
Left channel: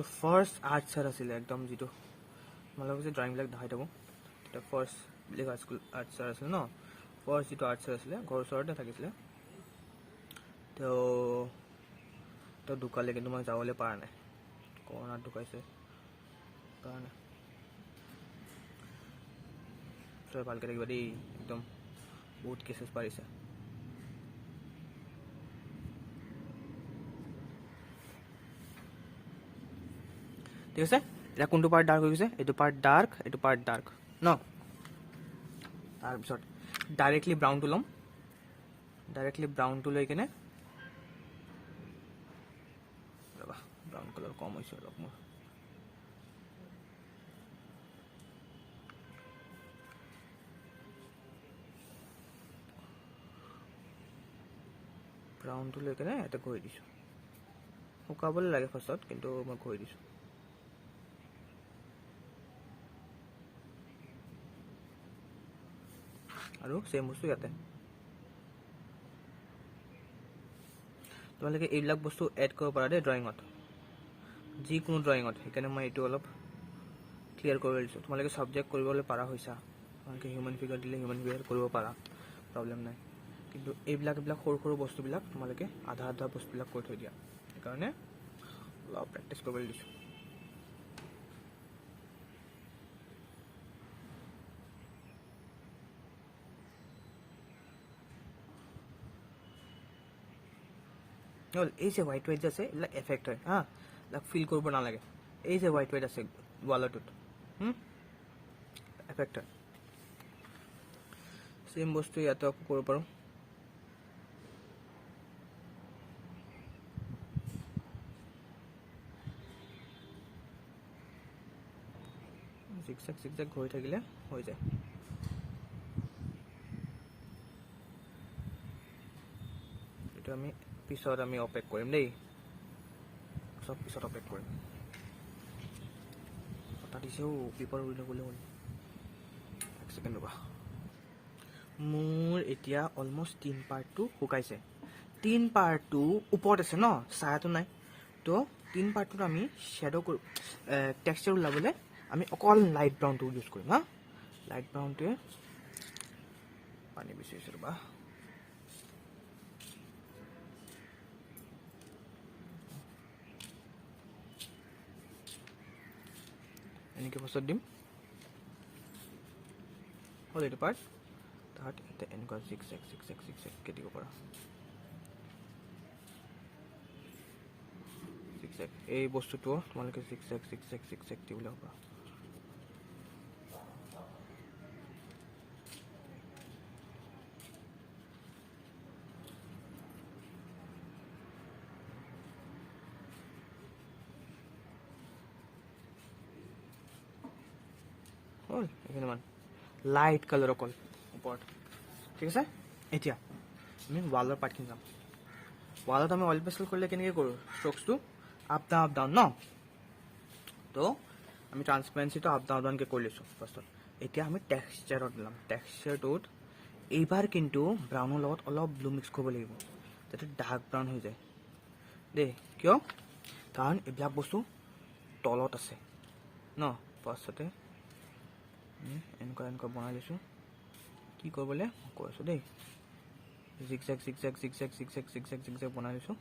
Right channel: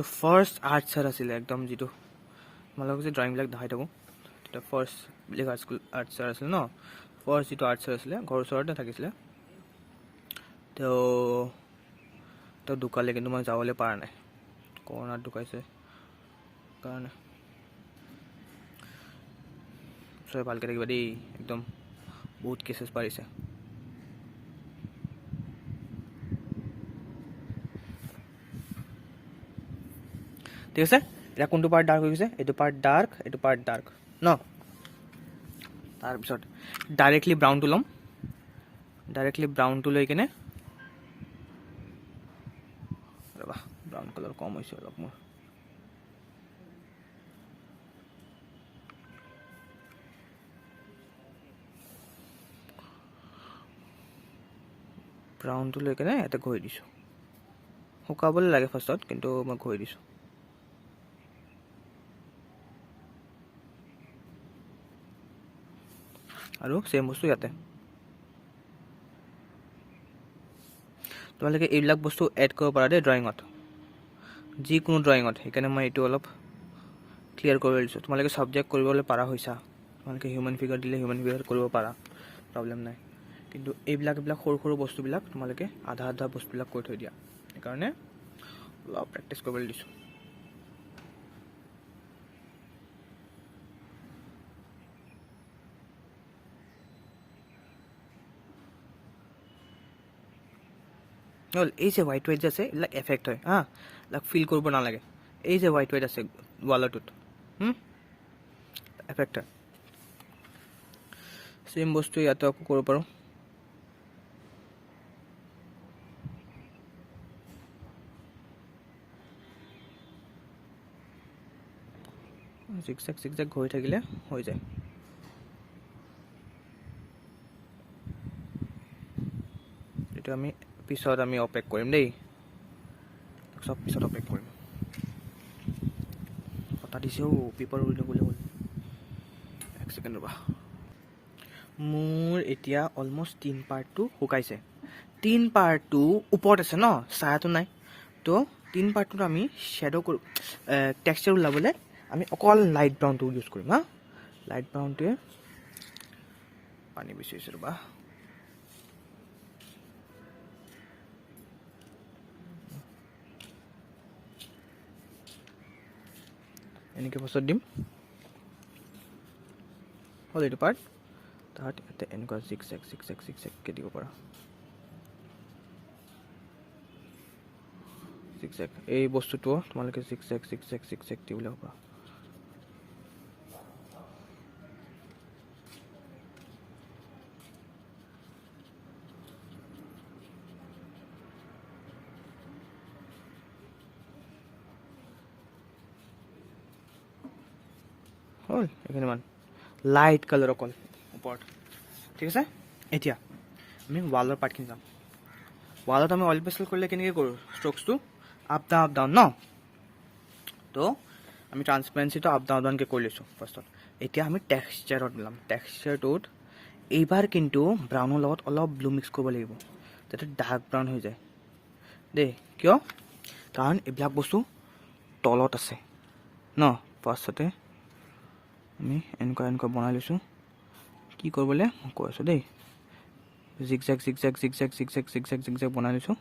যিটো ফাৰ্ষ্ট আৰ্টছৰ আছিলে একদম যিটো তোমালোকক যে ড্ৰয়িংবিলাক দেখাই থাকোঁ তেতিয়া ফাৰ্ষ্ট বেলেগ আৰ্টছৰ আছিলে ন ফাৰ্ষ্ট যিটো আৰ্টছৰ আছিলে ঘৰৰ ওচৰতে থাকিছিলে তেওঁ ঢুকালে কিন্তু মই যাবলৈ পৰা নাই কৰোণাত ঢুকাইছে কাৰণে চবে ভালকৈ থাকিবা দেই একদম বহুত কেছেছ পাৰিছে ঠিক আছে এতিয়া কোনটো পাৰ্ট ডাৰ্ক হৈ গৈছে এইটো পাৰ্ট ডাৰ্ক ন তাৰপিছত ডাইৰেক্টলি ব্ৰাউনটো ল'ম ডাইৰেক্টলি ব্ৰাউনটো লৈ কিনে ৰ'বা ব্ৰাউন কালাৰ কম হৈছে অলপ মোৰ ব্ৰাউনটো লৈ কিনে ইয়াতে ঘঁহি দিছোঁ শুকাবলৈ লাগে ফাৰ্ষ্টত কিন্তু মই ঘঁহি দিছোঁ আৰু চেম বস্তু ইয়াতে তোমালোকে এইবিলাক বস্তু এড কৰিব পাৰা দেই ড্ৰয়িঙত যিকোনো ড্ৰয়িঙত সেইকাৰণে মই এইটো অলপ ক্লিয়াৰ কৰিব দিছোঁ তোমালোকে ছাবজেক্ট কৰিবলৈ পাৰা হৈছা তোমালোকে হিউমেন ফিগাৰ দিলে হিউমেন ফিগাৰ কৰিব পাৰা প্ৰব্লেম নাই কিন্তু এইবিলাক সৰু বস্তুবিলাক তোমালোকে আধা বস্তুবিলাক কৰি থৈ দিয়া সেইকাৰণে অলপ প্ৰেক্টিছ কৰিবলৈ দিছোঁ হ'ল এই যে হোৱাইট যে আছে এইবিলাক এফেক্ট হয় হা এইবিলাক ফিল কৰিব নালাগে এই যে হোৱাইট আছে ৱালৰটোত এফেক্ট হয় চেম বস্তু ইয়াতে আকৌ কৰিব পাৰোঁ জিগজেগ ঘূৰি থাকিলে হৈ যায় এইটো আমি পিছত আমি অপেক কৰিম দেই চব পিছত অপেক কৰিম কথা দিছেও পেপাৰ উৰি ল'বলৈ হ'ল এক ছেকেণ্ড ৰ'বা মোৰ এতিয়া অলমষ্ট 3 পাৰ্টটো শুকাইছে 3 পাৰ্টটো ওপৰত আছে ন ছায়াটো নাই তো 3 পাৰ্টটোত আমি শ্বেডো কৰোঁ টেক্সচাৰ ওলাবলৈ আমি অকল লাইট ব্ৰাউনটো ইউজ কৰিম হা লাইট ব্ৰাউনটোৱে পানী বিচাৰিছোঁ ৰ'বা এনেকৈ পাছত দিম হ'ল এইটো পাৰ্ট তাত ইয়াতে এনেকুৱা জিগজেগকৈ দিব পাৰা জিগজেগ এই বস্তুটো তোমালোকে জিগজেগ দিবলৈ পাৰা হ'ল এইখিনিমান লাইট কালাৰ অকল ওপৰত ঠিক আছে এতিয়া আমি ৱালৰ পাৰ্টখিনি যাম ৱালত আমি অইল পেষ্টেল কৰিলে কেনেকৈ কৰোঁ ষ্ট্ৰ'কছটো আপ ডাউন ন তো আমি ট্ৰান্সপাৰেঞ্চিটো আপ ডাউনকৈ কৰি লৈছোঁ ফাৰ্ষ্টত এতিয়া আমি টেক্সচাৰত মিলাম টেক্সচাৰটোত এইবাৰ কিন্তু ব্ৰাউনৰ লগত অলপ ব্লু মিক্স কৰিব লাগিব যাতে ডাৰ্ক ব্ৰাউন হৈ যায় দেই কিয় কাৰণ এইবিলাক বস্তু তলত আছে ন ফাৰ্ষ্টতে আমি এনেকুৱা বনাই লৈছোঁ কি কৰিবলৈ মই কৈ আছোঁ দেই জিগজেগ বনাই লৈছোঁ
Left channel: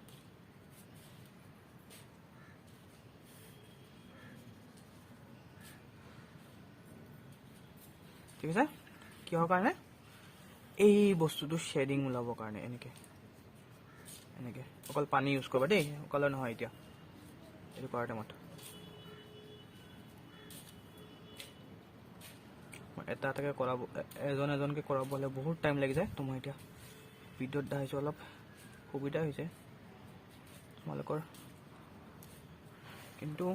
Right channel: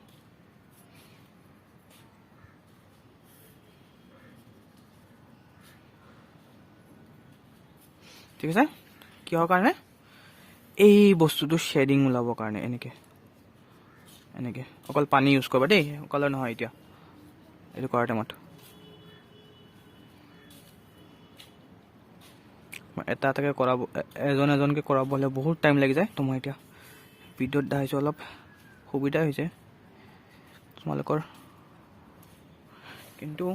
ঠিক আছে কিহৰ কাৰণে এই বস্তুটো শ্বেডিং ওলাবৰ কাৰণে এনেকৈ অকল পানী ইউজ কৰিবা দেই কালাৰ নহয় এতিয়া এইটো কৰাৰ টাইমত এটাকৈ কৰাব এজনকৈ কৰাবলৈ বহুত টাইম লাগি যায় তো মই এতিয়া ভিডিঅ'ত দেখাইছোঁ অলপ সুবিধা হৈছে তোমালোকৰ কিন্তু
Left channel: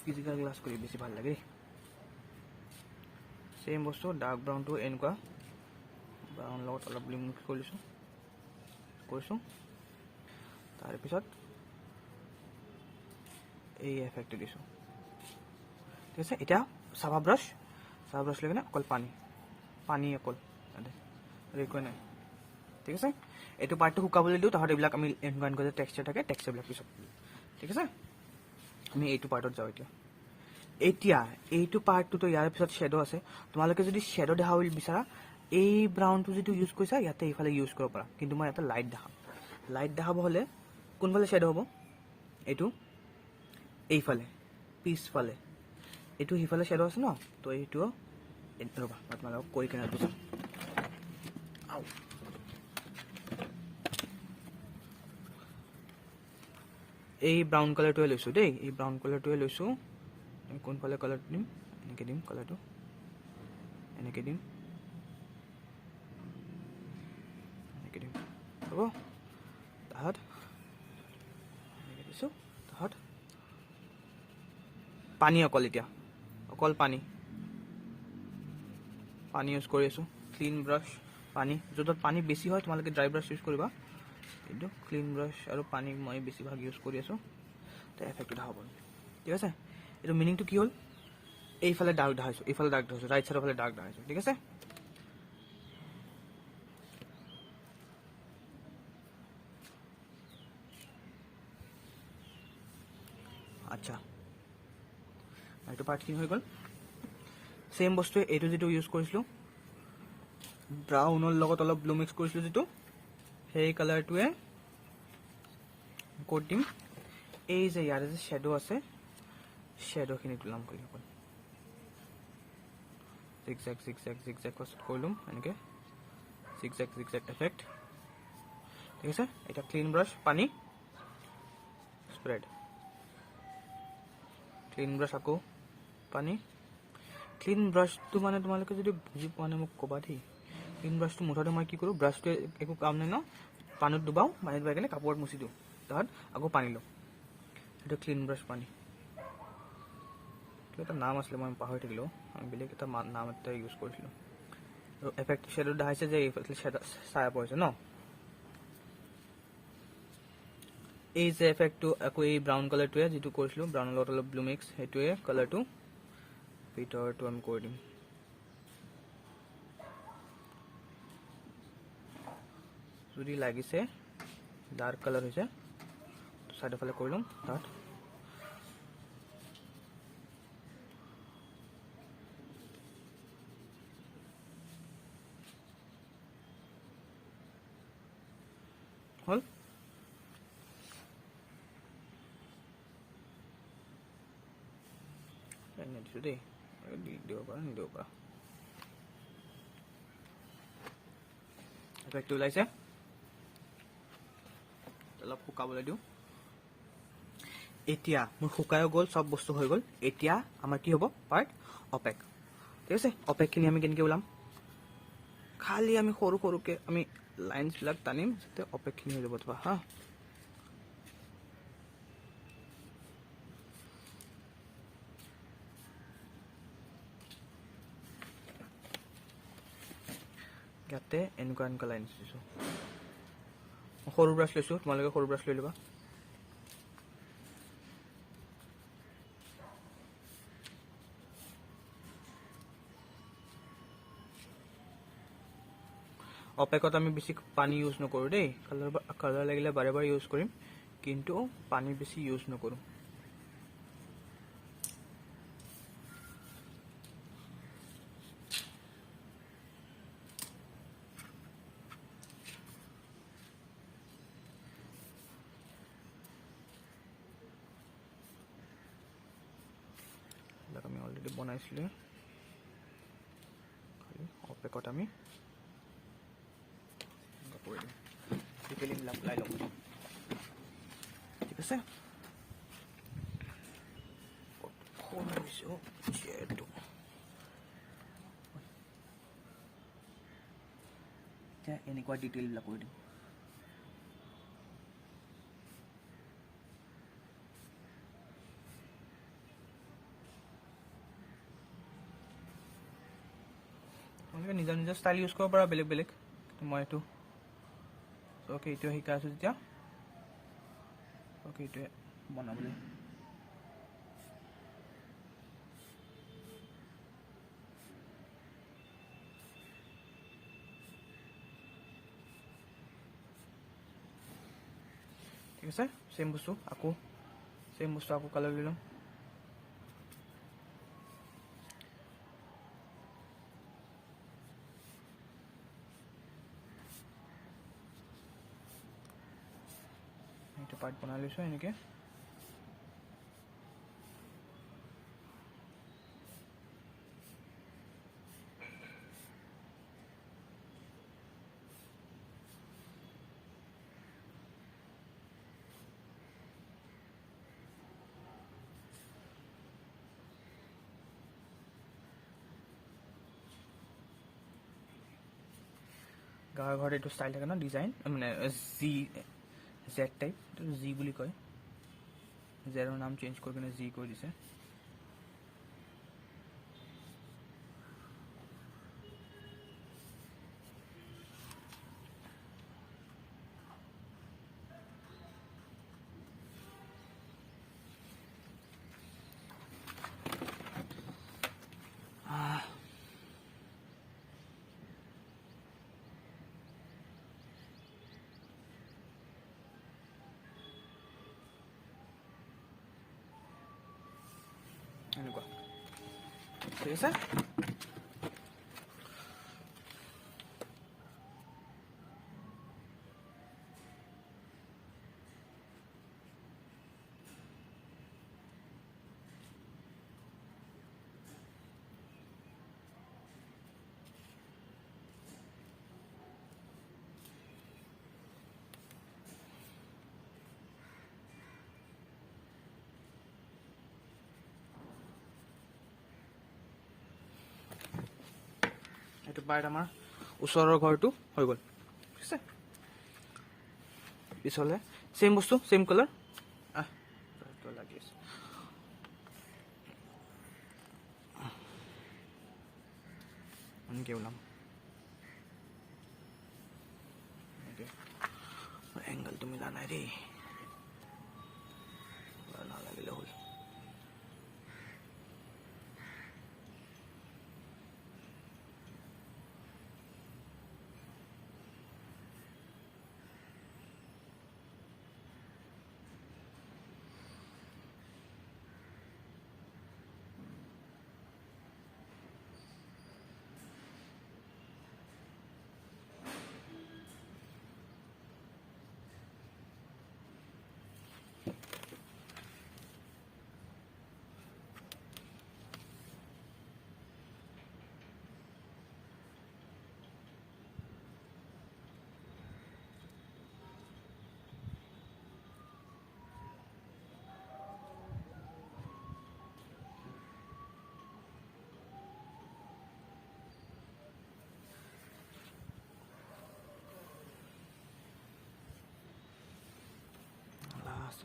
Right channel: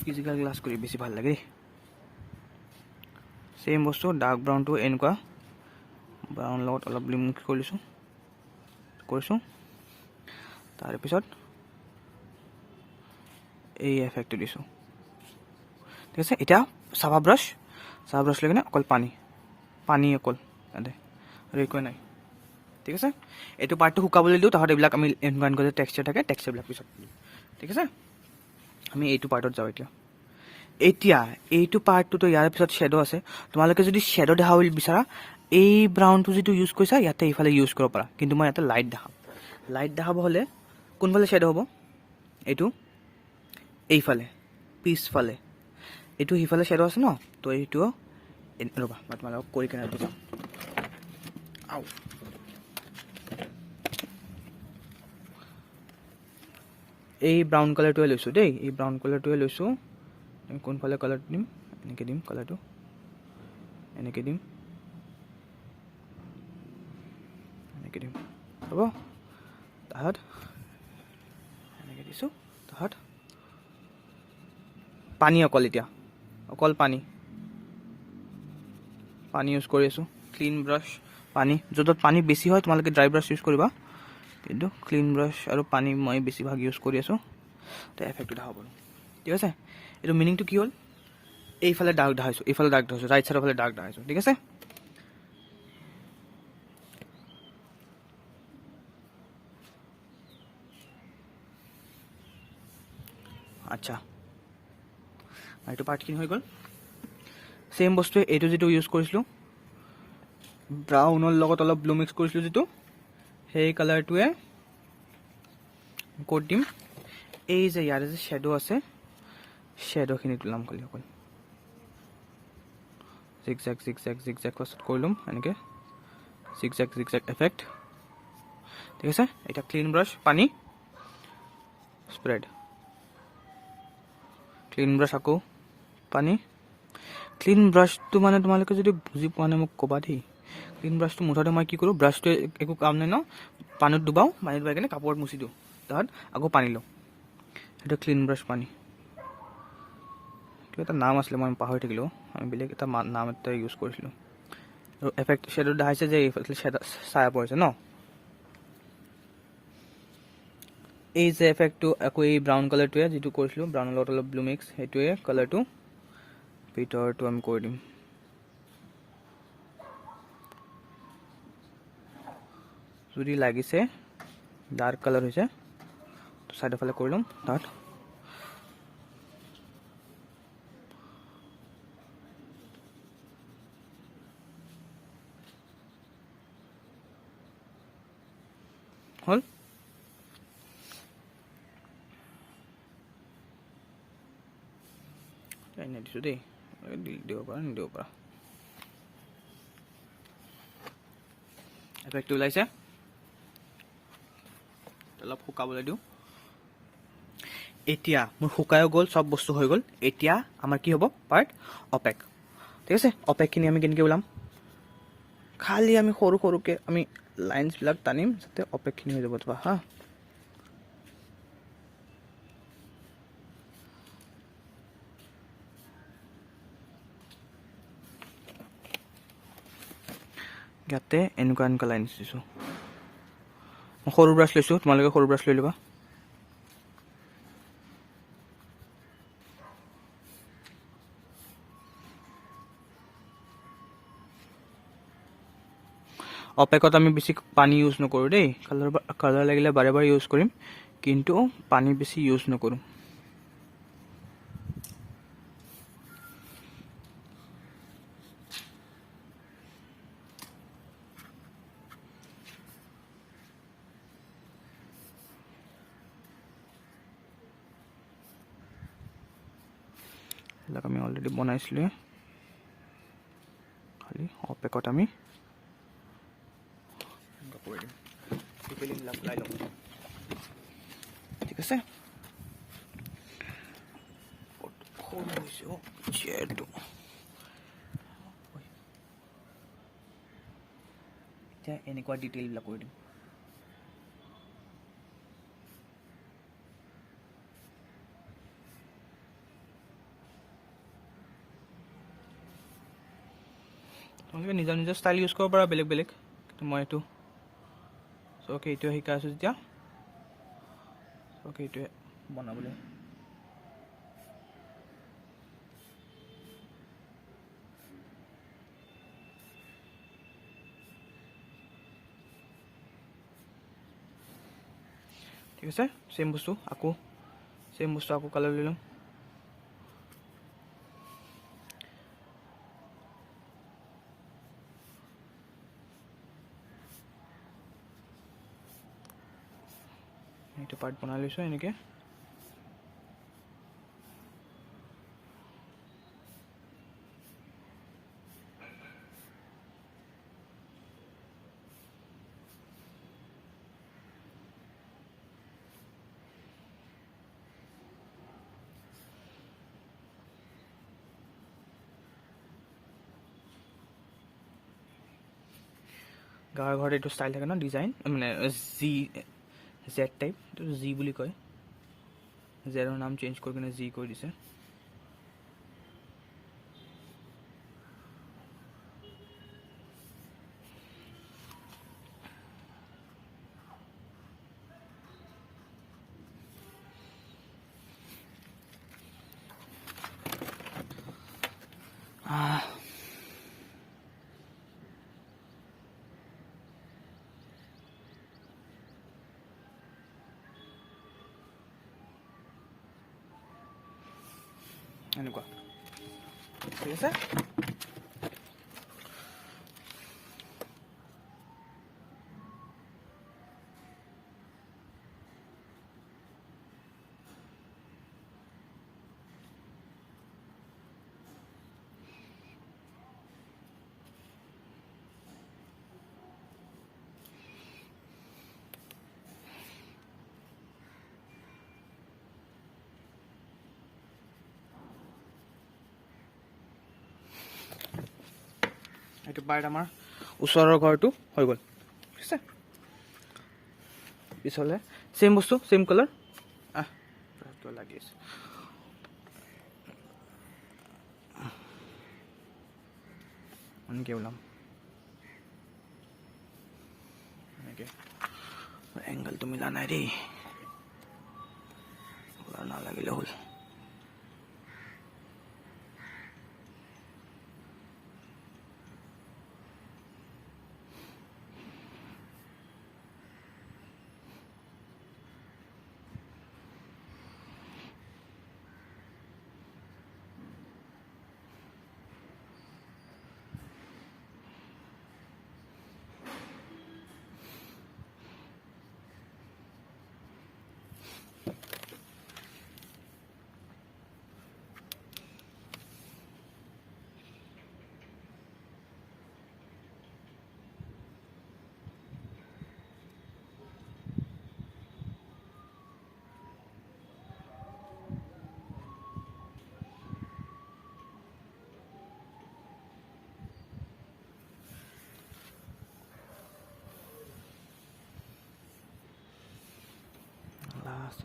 ফিজিকেল ক্লাছ কৰি বেছি ভাল লাগে চেম বস্তু ডাৰ্ক ব্ৰাউনটো এনেকুৱা ব্ৰাউন লগত অলপ ব্লু মিক্স কৰিছোঁ তাৰপিছত এই এফেক্টটো দিছোঁ ঠিক আছে এতিয়া চাবা ব্ৰাছ লৈ কিনে অকল পানী অকল ইয়াতে আৰু একোৱে নাই ঠিক আছে এইটো পাৰ্টটো শুকাবলৈ দিওঁ তাহাঁত এইবিলাক আমি এনেকুৱা যে টেক্সচাৰ থাকে টেক্সচাৰবিলাক পিছত ঠিক আছে আমি এইটো পাৰ্টত যাওঁ এতিয়া এইটো পাৰ্টটোতো ইয়াৰ পিছত শ্বেডো আছে তোমালোকে যদি শ্বেডো দেখাব বিচাৰা এই ব্ৰাউনটো যিটো ইউজ কৰিছা ইয়াতে এইফালে ইউজ কৰিব পাৰা কিন্তু মই ইয়াতে লাইট দেখাব হ'লে কোনফালে শ্বেডো হ'ব এইটো এইফালে পিছফালে এইটো সিফালে শ্বেডো আছে ন তো এইটো ৰ'বা মই তোমালোকক কৰি কেনে বুজাম এই ব্ৰাউন কালাৰটোৱে লৈছোঁ দেই এই ব্ৰাউন কালাৰটোৱে লৈছোঁ কোনফালে কালাৰটো দিম এনেকৈ দিম কালাৰটো এনেকৈ দিম হ'ব তাহাঁত এনেকৈ দিছোঁ তাহাঁত পানী অকল পানী ইউজ কৰি আছোঁ ক্লিন ব্ৰাছ পানী য'ত পানী বেছি হয় তোমালোকে ড্ৰাই ব্ৰাছ ইউজ কৰিবা কিন্তু ক্লিন ব্ৰাছ আৰু পানী মই বেছিভাগ ইউজ কৰি আছোঁ তো এফেক্টটো দেখাব ঠিক আছে এইটো মিনিংটো কি হ'ল এইফালে দাগ দেখাইছোঁ ৰাইট চাইডৰ ফালে দাগ দেখাইছোঁ ঠিক আছে আচ্ছা এইটো পাৰ্টখিনি হৈ গ'ল ছেম বস্তুৱে এইটো যিটো ইউজ কৰিছিলোঁ ব্ৰাউনৰ লগত অলপ ব্লু মিক্স কৰিছিলোঁ যিটো সেই কালাৰটোৱে ক'ত দিম এই যে ইয়াৰে যে শ্বেডো আছে শ্বেডোখিনি তোলাম খালি অকল জিগজেগ ফাৰ্ষ্ট কৰি ল'ম এনেকৈ জিগজেগ এফেক্ট ঠিক আছে এতিয়া ক্লিন ব্ৰাছ পানী স্প্ৰেড ক্লিন ব্ৰাছ আকৌ পানী ক্লিন ব্ৰাছটো মানে তোমালোকে যদি বুজি পোৱা নাই মোক ক'বা দেই ক্লিন ব্ৰাছটো মুঠতে মই কি কৰোঁ ব্ৰাছটোৱে একো কাম নাই ন পানীত ডুবাওঁ কেনে কাপোৰত মুচি দিওঁ তাত আকৌ পানী লওঁ সেইটো ক্লিন ব্ৰাছ পানী এইটো এটা নাম আছিলে মই পাহৰি থাকিলোঁ আমি বেলেগ এটা নাম এটা ইউজ কৰিছিলোঁ আৰু এফেক্ট শ্বেডো দেখাইছে যে এইফালে শ্বেড ছায়া পৰিছে ন এই যে এফেক্টটো আকৌ এই ব্ৰাউন কালাৰটোৱে যিটো কৰিছিলোঁ ব্ৰাউনৰ লগত অলপ ব্লু মিক্স সেইটোৱে কালাৰটো ভিতৰটো আমি কৰি দিম যদি লাগিছে ডাৰ্ক কালাৰ হৈছে তো চাইডৰ ফালে কৰি ল'ম তাত হ'ল এনে দিছোঁ দেই দিব পাৰা নিদিব পাৰা এফেক্টটো ওলাইছে অলপ শুকাবলৈ দিওঁ এতিয়া মোৰ শুকায়ো গ'ল চব বস্তু হৈ গ'ল এতিয়া আমাৰ কি হ'ব পাৰ্ট অপেক ঠিক আছে অপেকখিনি আমি কেনেকৈ ওলাম খালি আমি সৰুকৈ আমি লাইনছবিলাক টানিম যাতে অপেকখিনি হৈ যাব তোমাৰ হা ইয়াতে এনেকুৱা লাইন দিছোঁ মই সৰু ব্ৰাছ লৈছোঁ তোমালোকে সৰু ব্ৰাছ লৈ ল'বা অপেকত আমি বেছি পানী ইউজ নকৰোঁ দেই কালাৰ লাগিলে বাৰে বাৰে ইউজ কৰিম কিন্তু পানী বেছি ইউজ নকৰোঁ এইবিলাক আমি অলৰেডি বনাইছিলোঁ খালি অপেকত আমি ঠিক আছে এতিয়া এনেকুৱা ডিটেইলবিলাক কৰি দিম তোমালোকে নিজৰ নিজৰ ষ্টাইল ইউজ কৰিব পাৰা বেলেগ কিন্তু মই এইটো অ'কে এইটোৱে শিকাই আছোঁ যেতিয়া অ'কে এইটোৱে বনাবলৈ ঠিক আছে ছেম বস্তু আকৌ সেম বস্তু আকৌ কালাৰ লৈ ল'ম। এইটো পাৰ্ট বনাই লৈছোঁ এনেকৈ। গাঁৱৰ ঘৰত এইটো ষ্টাইল থাকে ন, ডিজাইন মানে জেড টাইপ, এইটো জি বুলি কয়। জেডৰ নাম চেঞ্জ কৰি কিনে জি কৰি দিছে। এনেকুৱা ঠিক আছে। এইটো পাৰ্ট আমাৰ ওচৰৰ ঘৰটো হৈ গ'ল ঠিক আছে। পিছলে চেম বস্তু চেম কালাৰ লাগি আছে। এনেকৈ ওলাম, এনেকৈ এংগলটো মিলা নাই দেই, নালাগিলে হ'ল।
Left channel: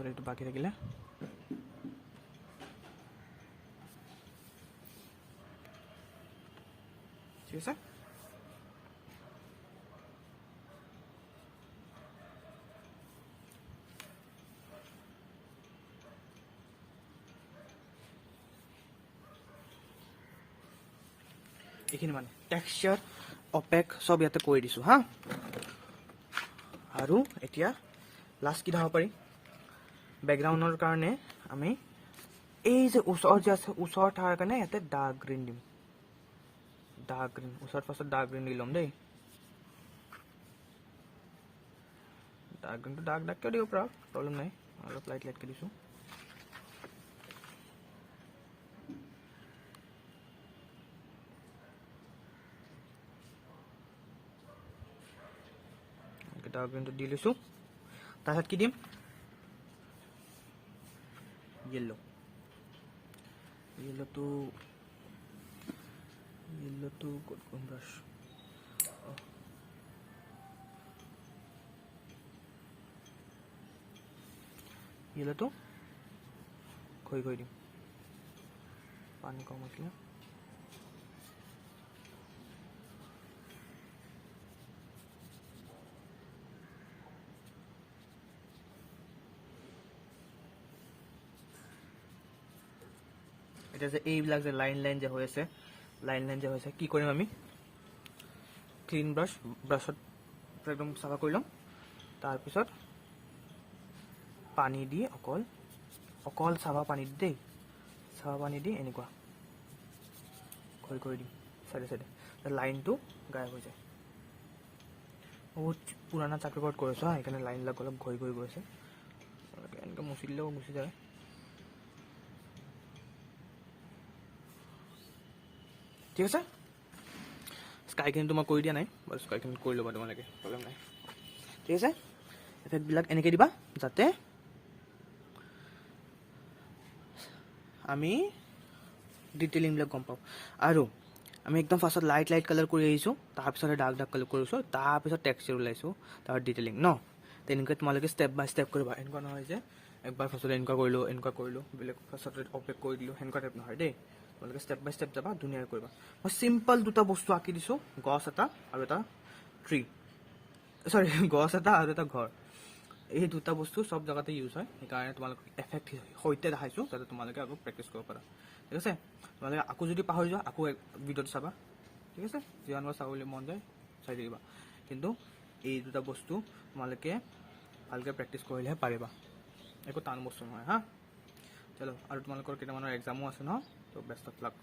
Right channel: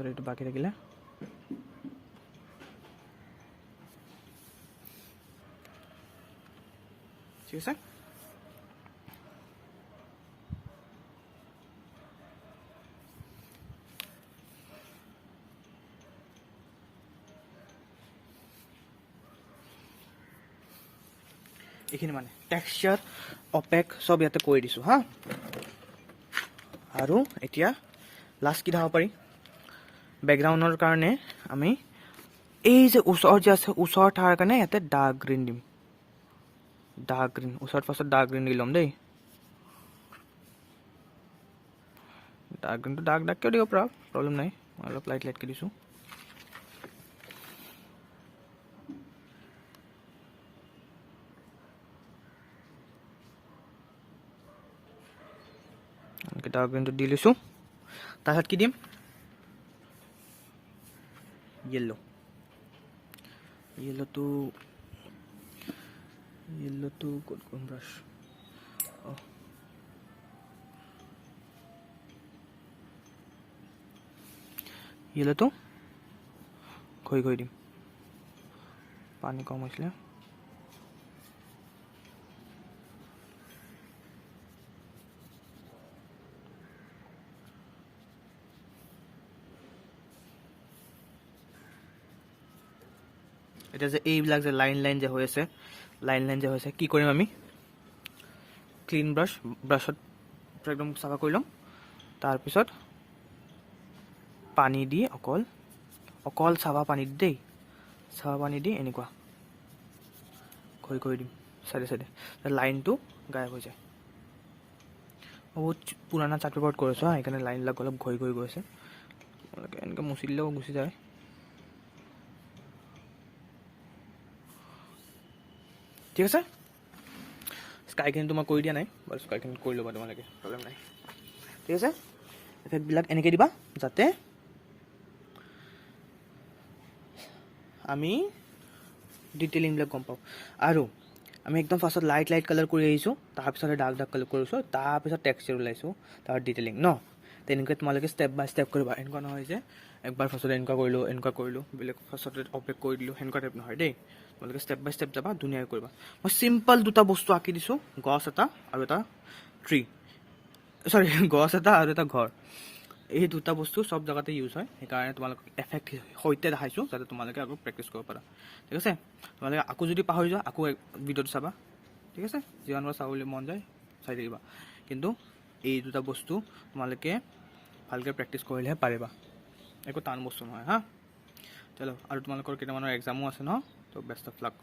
এইটো বাকী থাকিলে ঠিক আছে। এইখিনি মানে টেক্সচাৰ অপেক চব ইয়াতে কৰি দিছোঁ হা। আৰু এতিয়া লাষ্ট কি দেখাব পাৰি, বেকগ্ৰাউণ্ডৰ কাৰণে আমি এই যে ওচৰত যে আছে, ওচৰত থকাৰ কাৰণে ইয়াতে ডাৰ্ক গ্ৰীণ দিম। ডাৰ্ক গ্ৰীণ ওচৰত ফাৰ্ষ্টত ডাৰ্ক গ্ৰীণ দি ল'ম দেই। ডাৰ্ক গ্ৰীণটো ডাৰ্ককৈ দিব পৰা প্ৰব্লেম নাই, অলপ লাইটকৈ দিছোঁ। ডাৰ্ক গ্ৰীণটো দি লৈছোঁ। তাৰপিছত কি দিম, য়েল্ল'টো ক'ত গ'ল ব্ৰাছ, য়েল্ল'টো ঘঁহি দিম, পানী কম হৈছিলে। এতিয়া যে এইবিলাক যে লাইন যে হৈ আছে, কি কৰিম আমি, ক্লিন ব্ৰাছত একদম চাফা কৰি ল'ম। তাৰপিছত পানী দি অকল অকল চাবা পানীত দেই, চাবা পানী দি এনেকুৱা ঘঁহি কৰি দিম চাইডে চাইডে, লাইনটো গায়ব হৈ যায়। মই বহুত পুৰণা চাৰ্ট পেপাৰত কৰিছোঁ হা, সেইকাৰণে লাইনবিলাক অলপ ঘঁহি ঘঁহি গৈছে। এনেকৈ মুচি দিলেও গুচি যায়। ঠিক আছে, স্কাইখিনি মই কৰি দিয়া নাই বাৰু, স্কাইখিনি কৰি ল'বা তোমালোকে, প্ৰব্লেম নাই। ঠিক আছে, এফেক্টবিলাক এনেকৈ দিবা যাতে আমি ডিটেইলিংবিলাক গম পাওঁ। আৰু আমি একদম ফাৰ্ষ্টত লাইট কালাৰ কৰি আহিছোঁ, তাৰপিছতে ডাৰ্ক কালাৰ কৰিছোঁ, তাৰপিছত টেক্সচাৰ ওলাইছোঁ, তাৰ ডিটেইলিং ন। তেনেকৈ তোমালোকে ষ্টেপ বাই ষ্টেপ কৰিবা। এনেকুৱা নহয় যে একবাৰ ফাৰ্ষ্টতে এনেকুৱা কৰিলোঁ, বেলেগ ফাৰ্ষ্টতে অপেক কৰি দিলোঁ, সেনেকুৱা টাইপ নহয় দেই। তোমালোকে ষ্টেপ বাই ষ্টেপ যাবা, ধুনীয়াকৈ কৰিবা। মই চিম্পল দুটা বস্তু আঁকি দিছোঁ, গছ এটা আৰু এটা ট্ৰী, চৰি গছ এটা আৰু এটা ঘৰ। এই দুটা বস্তু চব জেগাতে ইউজ হয়, সেইকাৰণে তোমালোকক এফেক্ট সৈতে দেখাইছোঁ যাতে তোমালোকে আকৌ প্ৰেক্টিছ কৰিব পাৰা। ঠিক আছে, তোমালোকে আকৌ যদি পাহৰি যোৱা আকৌ ভিডিঅ'টো চাবা। ঠিক আছে, যিমানবাৰ চাবলৈ মন যায় চাই থাকিবা, কিন্তু এই দুটা বস্তু তোমালোকে ভালকৈ প্ৰেক্টিছ কৰিলেহে পাৰিবা, একো টান বস্তু নহয় হা। চলো, আৰু তোমালোকৰ কেইটামানৰ এক্সামো আছে ন, তো বেষ্ট অফ লাক।